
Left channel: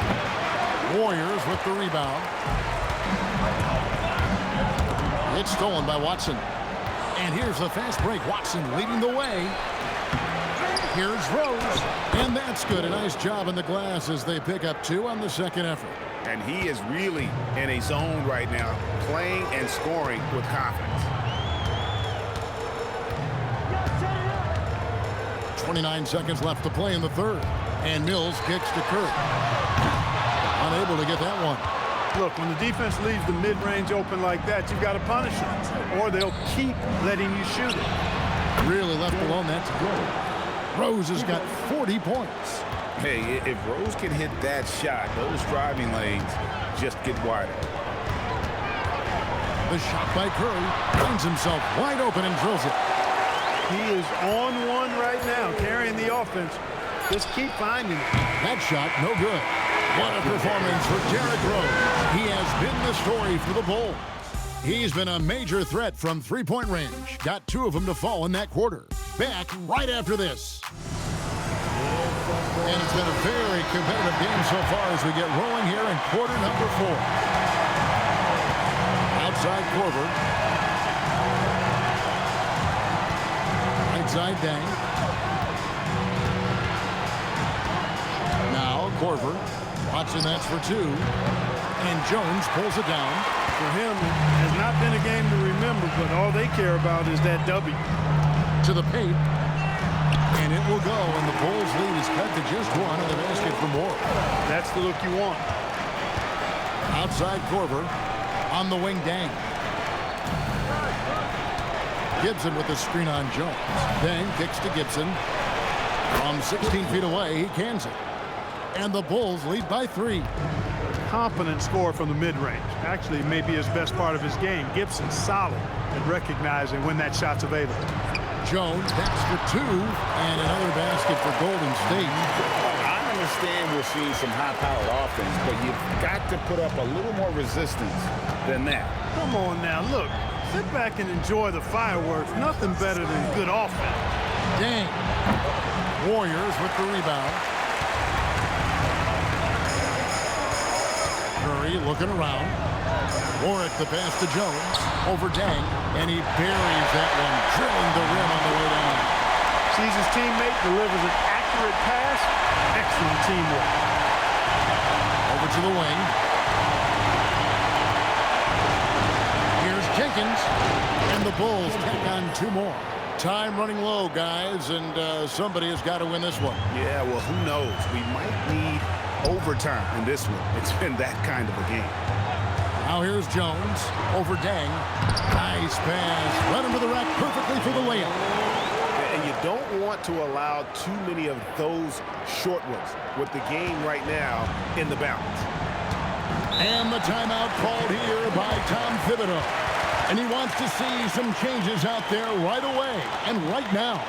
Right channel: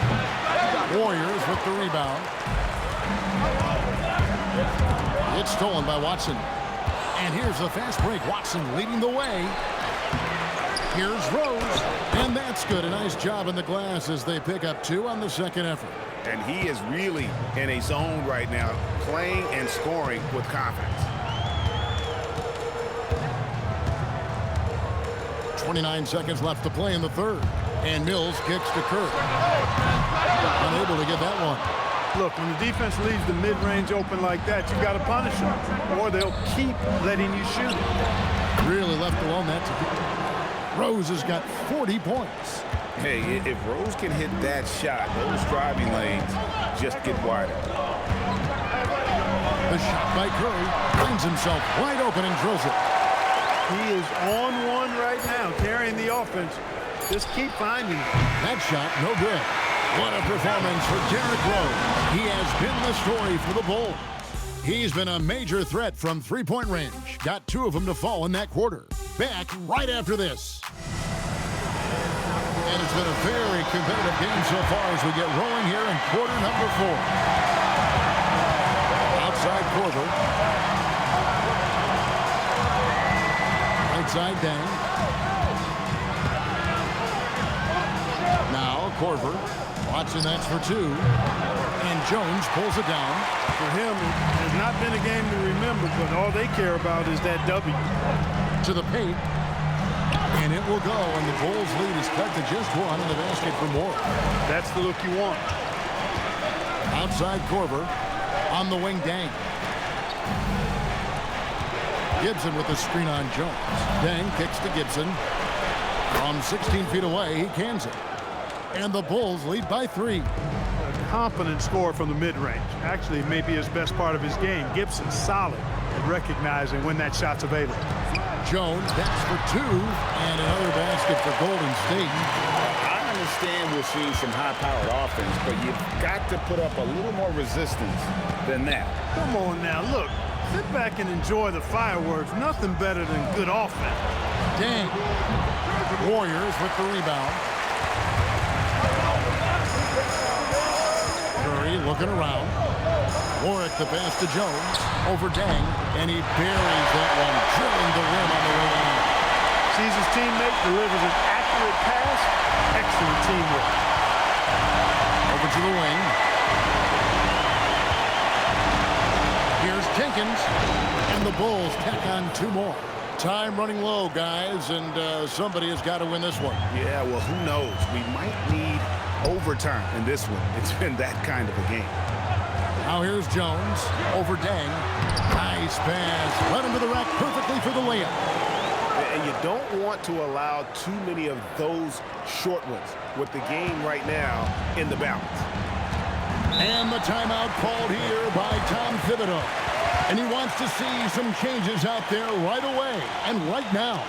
Warriors with the rebound. It's stolen by Watson. And here's the fast break. Watson leading the way. Here's Rose. And that's good. A nice job in the glass as they pick up 2 on the 2nd effort. And he is really in a zone right now, playing and scoring with confidence. 29 seconds left to play in the 3rd. And Mills kicks to Curry. Unable to get that one. Look, when the defense leaves the mid-range open like that, you've got to punish them, or they'll keep letting you shoot it. Really left alone that time. Rose has got 40 points. Hey, if Rose can hit that shot, those driving lanes just get wider. The shot by Curry finds himself wide open and drills it. He is on one right now, carrying the offense. Just keep finding it. That shot, no good. What a performance for Derrick Rose. He has been the story for the Bulls. He's been a major threat from 3-point range. Got 2 of them to fall in that quarter. Back right after this. And it's been a very competitive game so far as we get rolling here in quarter number 4. Outside Korver. Right side Dang. Now Korver. Watson, that's for 2. And Jones pulls it down. For him, it has not been a game to remember, but all they care about is that W. to the paint. And it will go, and the Bulls lead is cut to just one on the basket from Ward. That's the look you want. Outside Korver. On the wing, Dang. Gibson with the screen on Jones. Dang kicks to Gibson. From 16 feet away, he cans it. And the Bulls lead by 3. A competent score from the mid-range. Actually, maybe his best part of his game. Gibson's solid at recognizing when that shot's available. Jones, that's for 2, and another basket for Golden State. I understand we're seeing some high-powered offense, but you've got to put up a little more resistance than that. Come on now, look. Sit back and enjoy the fireworks. Nothing better than good offense. Dang. Warriors with the rebound. Curry looking around. Warwick the pass to Jones. Over Dang. And he buries that one, drilling the rim on the way down. Sees his teammate, delivers an accurate pass. Excellent teamwork. Over to the wing. Here's Jenkins. And the Bulls tack on 2 more. Time running low, guys, and somebody has got to win this one. Yeah, well, who knows? We might need overtime in this one. It's been that kind of a game. Now here's Jones over Dang. Nice pass. Led him to the rack perfectly for the layup. And you don't want to allow too many of those short ones with the game right now in the balance. And the timeout called here by Tom Thibodeau. And he wants to see some changes out there right away and right now.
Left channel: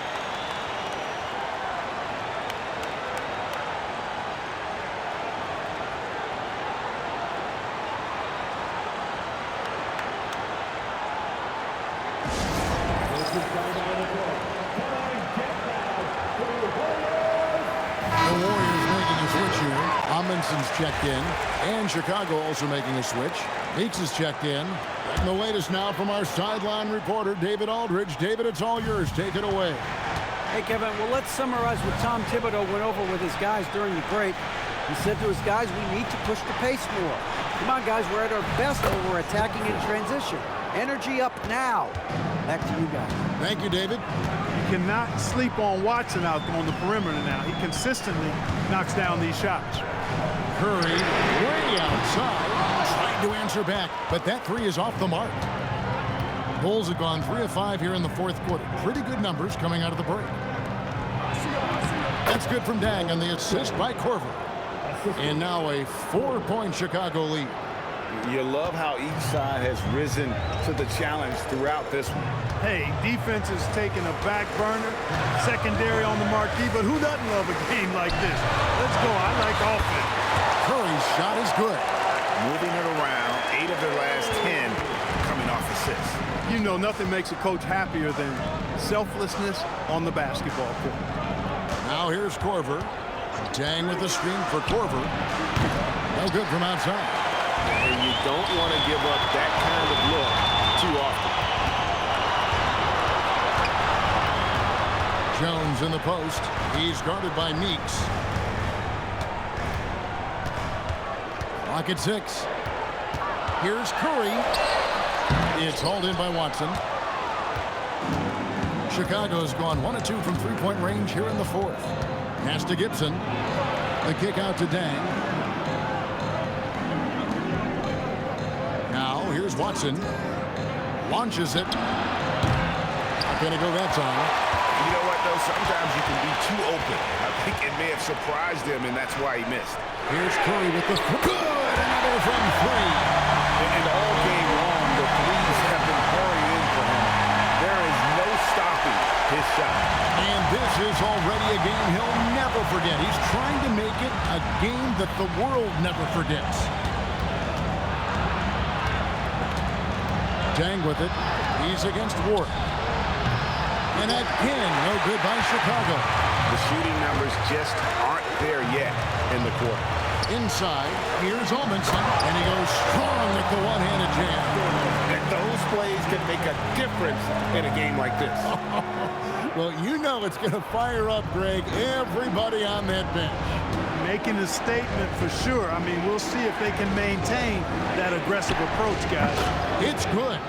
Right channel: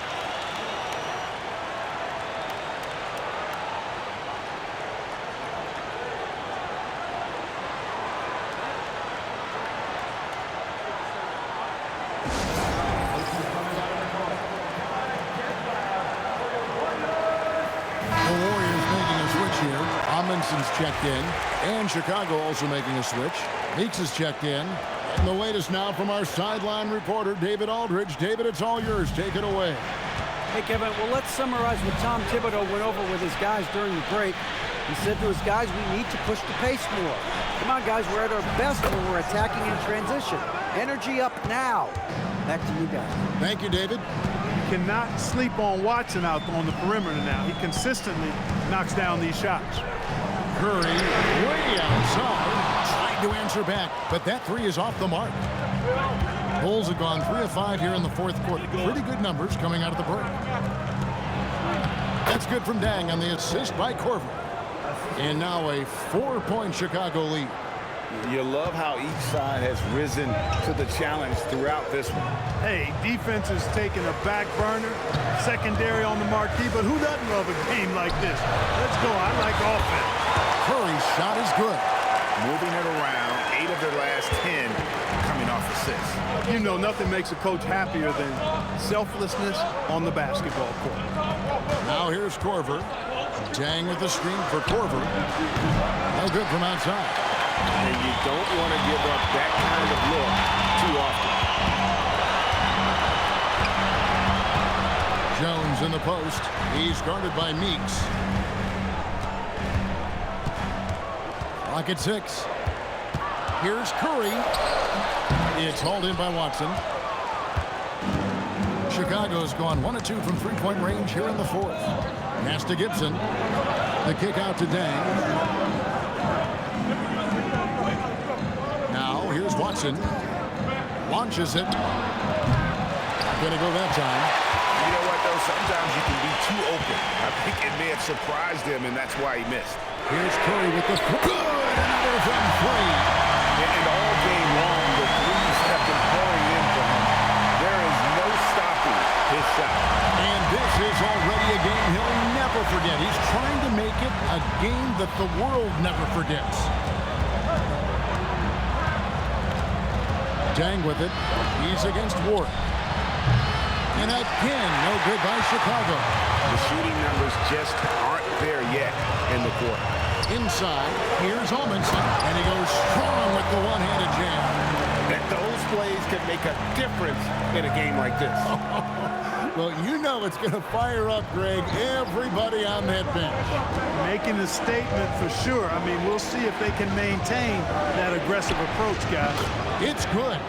The Warriors making a switch here. Amundsen's checked in. And Chicago also making a switch. Meeks is checked in. And the latest now from our sideline reporter, David Aldridge. David, it's all yours. Take it away. Hey, Kevin, well, let's summarize what Tom Thibodeau went over with his guys during the break. He said to his guys, we need to push the pace more. Come on, guys, we're at our best when we're attacking in transition. Energy up now. Back to you guys. Thank you, David. You cannot sleep on Watson out on the perimeter now. He consistently knocks down these shots. Curry way outside. Tried to answer back, but that 3 is off the mark. Bulls have gone 3 of 5 here in the 4th quarter. Pretty good numbers coming out of the break. That's good from Dang on the assist by Korver. And now a 4-point Chicago lead. You love how each side has risen to the challenge throughout this one. Hey, defense is taking a back burner, secondary on the marquee, but who doesn't love a game like this? Let's go. I like offense. Curry's shot is good. Moving it around, 8 of their last 10 coming off assists. You know, nothing makes a coach happier than selflessness on the basketball court. Now here's Korver. Dang with the screen for Korver. No good from outside. And you don't want to give up that kind of look too often. Jones in the post. He's guarded by Meeks. Clock at 6. Here's Curry. It's hauled in by Watson. Chicago's gone 1 of 2 from 3-point range here in the 4th. Pass to Gibson. The kick out to Dang. Now here's Watson. Launches it. Not going to go that time. You know what, though? Sometimes you can be too open. I think it may have surprised him, and that's why he missed. Here's Curry with the good. Another from 3. And all game long, the threes have been pouring in for him. There is no stopping his shot. And this is already a game he'll never forget. He's trying to make it a game that the world never forgets. Dang with it. He's against Ward. And again, no good by Chicago. The shooting numbers just aren't there yet in the quarter. Inside, here's Amundsen, and he goes strong with the one-handed jam. And those plays can make a difference in a game like this. Well, you know it's going to fire up, Greg, everybody on that bench. Making a statement for sure. I mean, we'll see if they can maintain that aggressive approach, guys. It's good.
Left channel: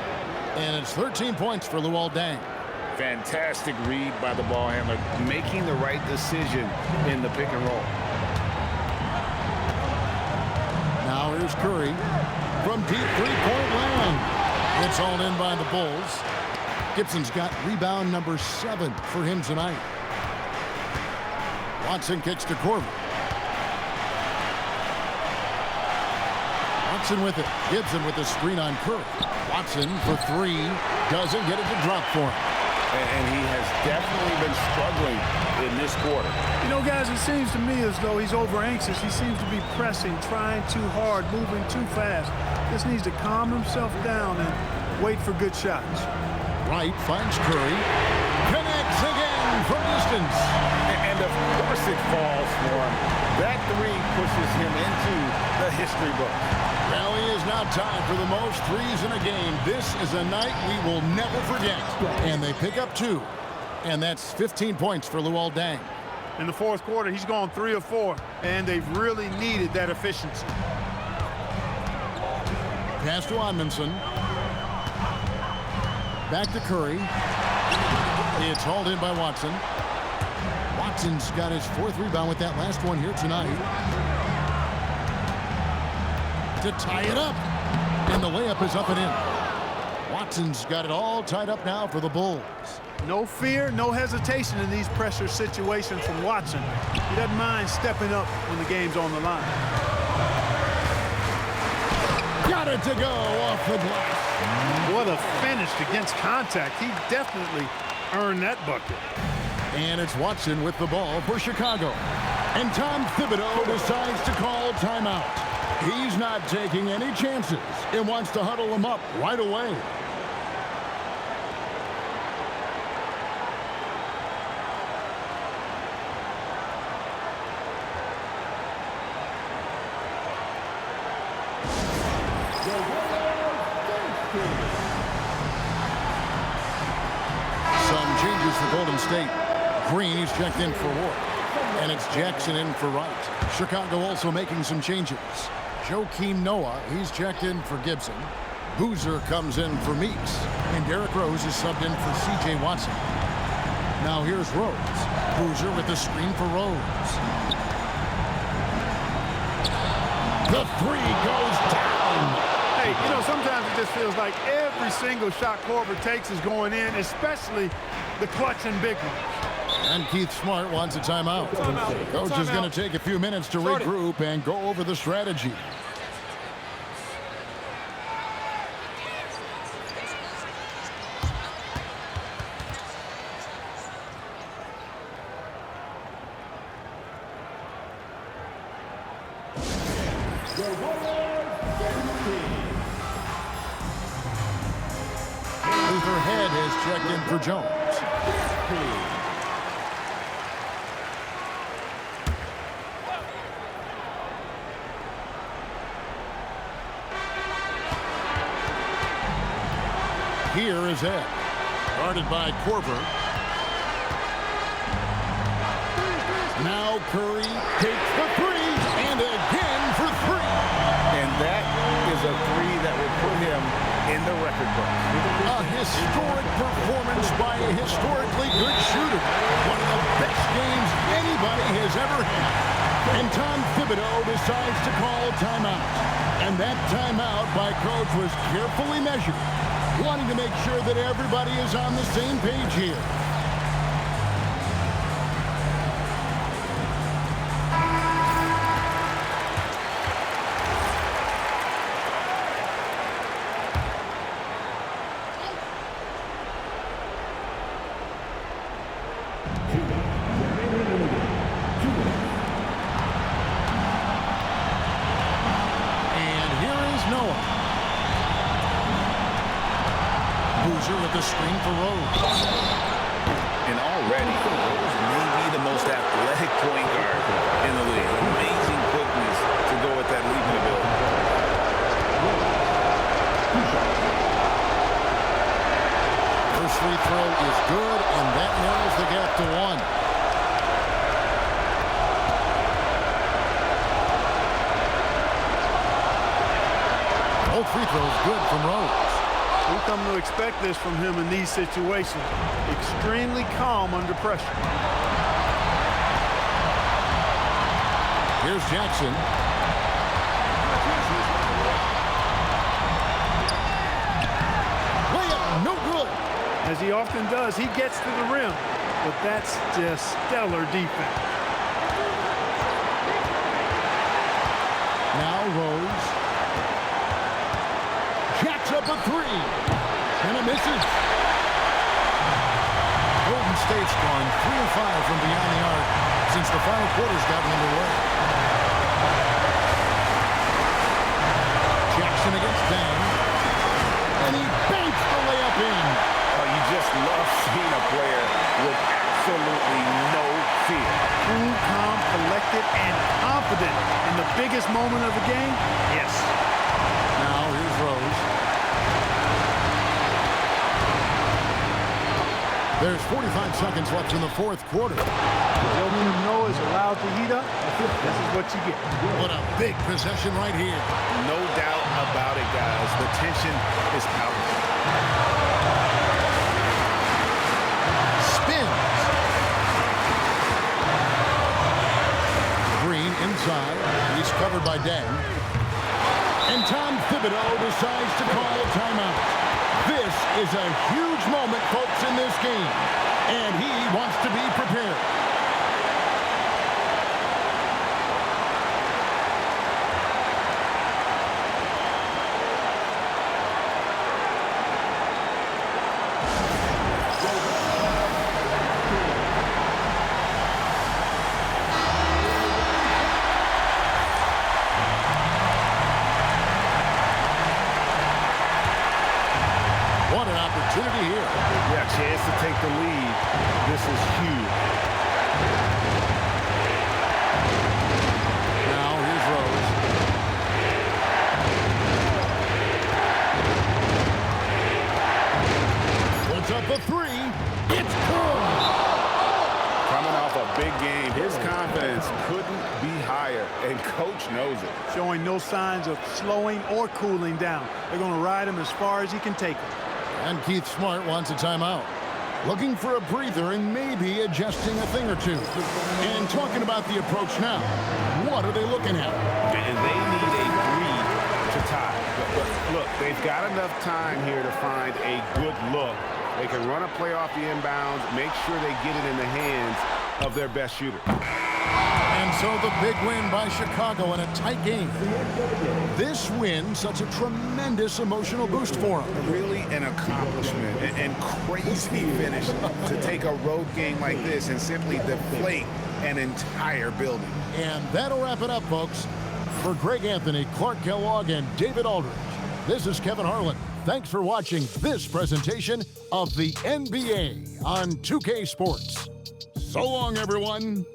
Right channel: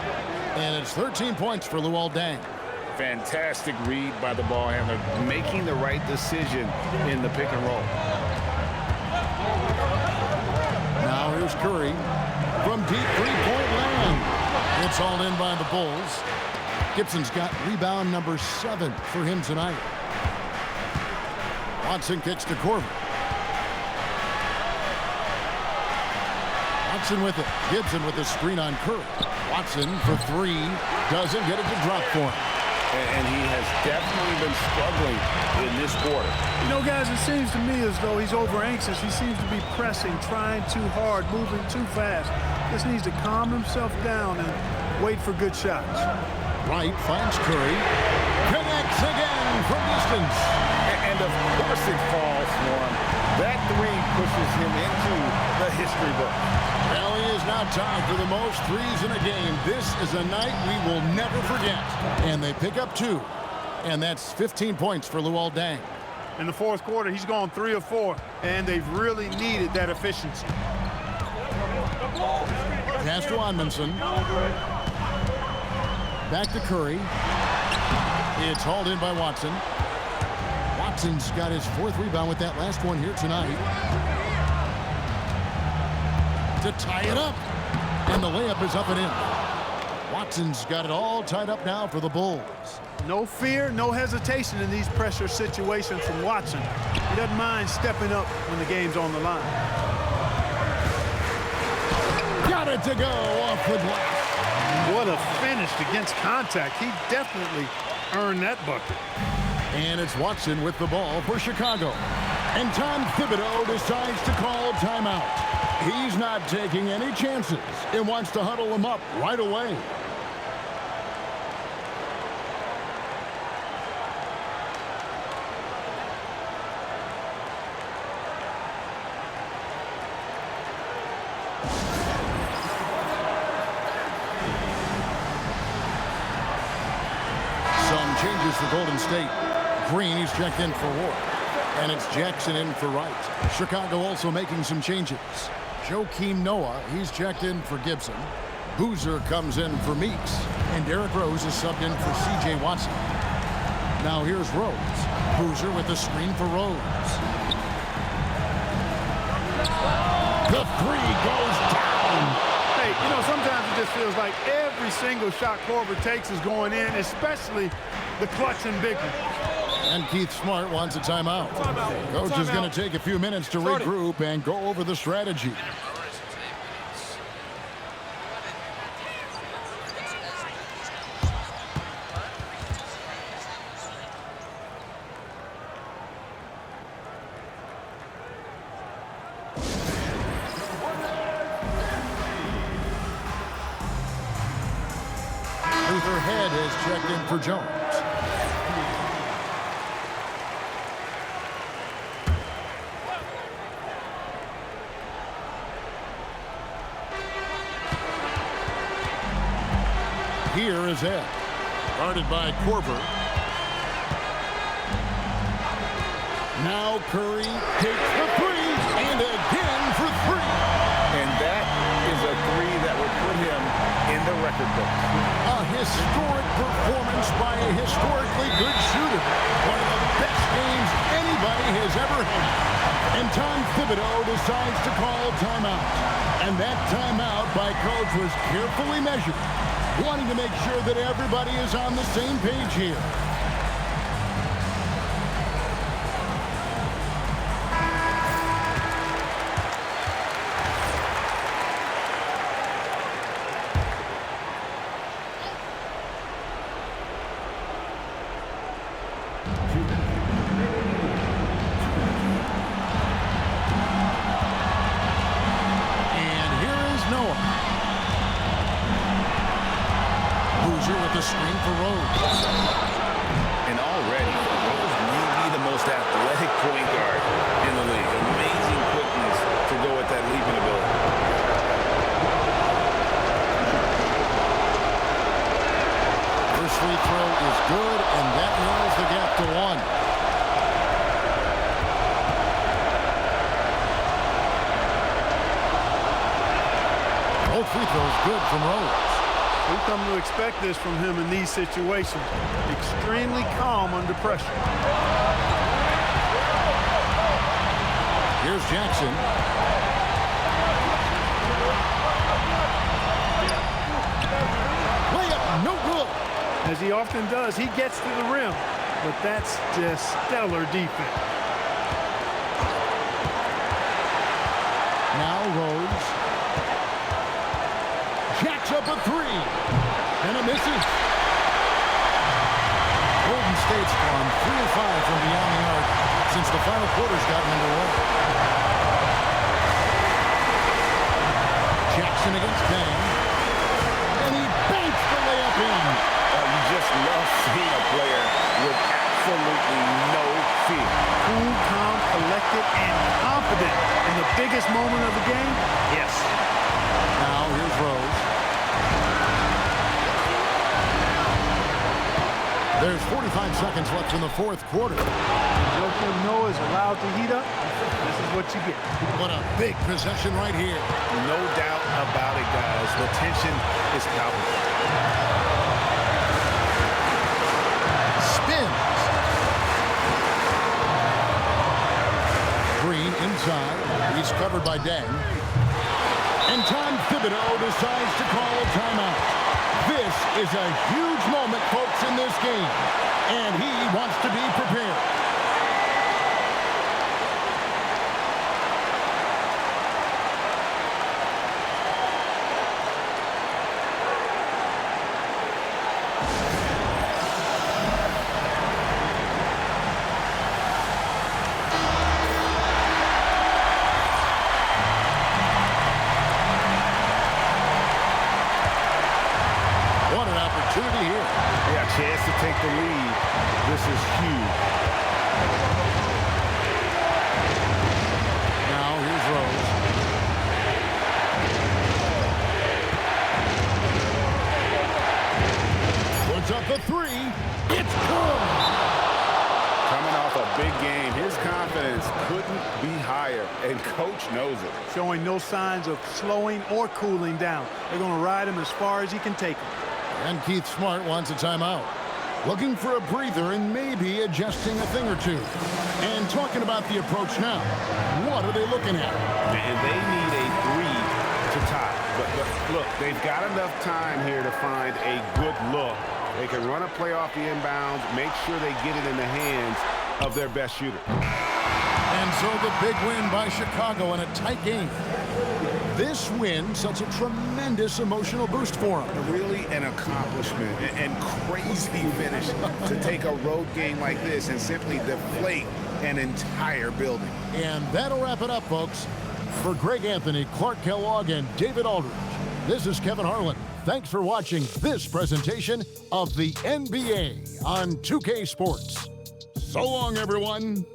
And it's 13 points for Luol Deng. Fantastic read by the ball handler, Making the right decision in the pick and roll. Now here's Curry from deep three-point land. It's hauled in by the Bulls. Gibson's got rebound number 7 for him tonight. Watson kicks to Korver. Watson with it. Gibson with the screen on Curry. Watson for 3. Doesn't get it to drop for him. And he has definitely been struggling in this quarter. You know, guys, it seems to me as though he's over anxious. He seems to be pressing, trying too hard, moving too fast. Just needs to calm himself down and wait for good shots. Wright finds Curry. Connects again from distance. And of course it falls for him. That 3 pushes him into the history book. Well, he is now tied for the most threes in a game. This is a night we will never forget. And they pick up 2. And that's 15 points for Luol Deng. In the fourth quarter, he's gone 3 of 4, and they've really needed that efficiency. Pass to Onmenson. Back to Curry. It's hauled in by Watson. Watson's got his 4th rebound with that last one here tonight. To tie it up. And the layup is up and in. Watson's got it all tied up now for the Bulls. No fear, no hesitation in these pressure situations from Watson. He doesn't mind stepping up when the game's on the line. Got it to go off the glass. What a finish against contact. He definitely earned that bucket. And it's Watson with the ball for Chicago. And Tom Thibodeau decides to call timeout. He's not taking any chances and wants to huddle them up right away. Some changes for Golden State. Green, he's checked in for Ward. And it's Jackson in for Wright. Chicago also making some changes. Joakim Noah, he's checked in for Gibson. Boozer comes in for Meeks. And Derrick Rose is subbed in for C.J. Watson. Now here's Rose. Boozer with the screen for Rose. The 3 goes down. Hey, you know, sometimes it just feels like every single shot Korver takes is going in, especially the clutch and big ones. And Keith Smart wants a timeout. Coach is going to take a few minutes to regroup and go over the strategy. Luther Head has checked in for Jones. Here is Ed, guarded by Korver. Now Curry takes the 3, and again for 3. And that is a 3 that will put him in the record book. A historic performance by a historically good shooter. One of the best games anybody has ever had. And Tom Thibodeau decides to call timeout. And that timeout by Coach was carefully measured, wanting to make sure that everybody is on the same page here. And here is Noah. Boozer with the screen for Rose. And already, Rose may be the most athletic point guard in the league. Amazing quickness to go with that leaping ability. First free throw is good, and that narrows the gap to 1. Both free throws good from Rose. We've come to expect this from him in these situations. extremely calm under pressure. Here's Jackson. Layup, no good. As he often does, he gets to the rim, but that's just stellar defense. Now Rose. Jacks up a three. And it misses. Golden State's gone 3 of 5 from beyond the arc since the final quarter's gotten underway. Jackson against Dang. And he banks the layup in. Oh, you just love seeing a player with absolutely no fear. Cool, calm, collected, and confident in the biggest moment of the game? Yes. Now here's Rose. There's 45 seconds left in the fourth quarter. Joakim Noah is allowed to heat up. This is what you get. What a big possession right here. No doubt about it, guys. The tension is palpable. Spins. Green inside. He's covered by Deng. And Tom Thibodeau decides to call timeout. This is a huge moment, folks, in this game. And he wants to be prepared. What an opportunity here. Yeah, chance to take the lead. This is huge. Now here's Rose. Puts up the three. It's good. Coming off a big game, his confidence couldn't be higher, and coach knows it. Showing no signs of slowing or cooling down. They're going to ride him as far as he can take him. And Keith Smart wants a timeout. Looking for a breather and maybe adjusting a thing or two. And talking about the approach now. What are they looking at? And they need a 3 to tie. But look, they've got enough time here to find a good look. They can run a play off the inbounds, make sure they get it in the hands of their best shooter. And so the big win by Chicago in a tight game. This win, such a tremendous emotional boost for them. Really an accomplishment and crazy finish to take a road game like this and simply deflate an entire building. And that'll wrap it up, folks. For Greg Anthony, Clark Kellogg, and David Aldridge, this is Kevin Harlan. Thanks for watching this presentation of the NBA on 2K Sports. So long, everyone.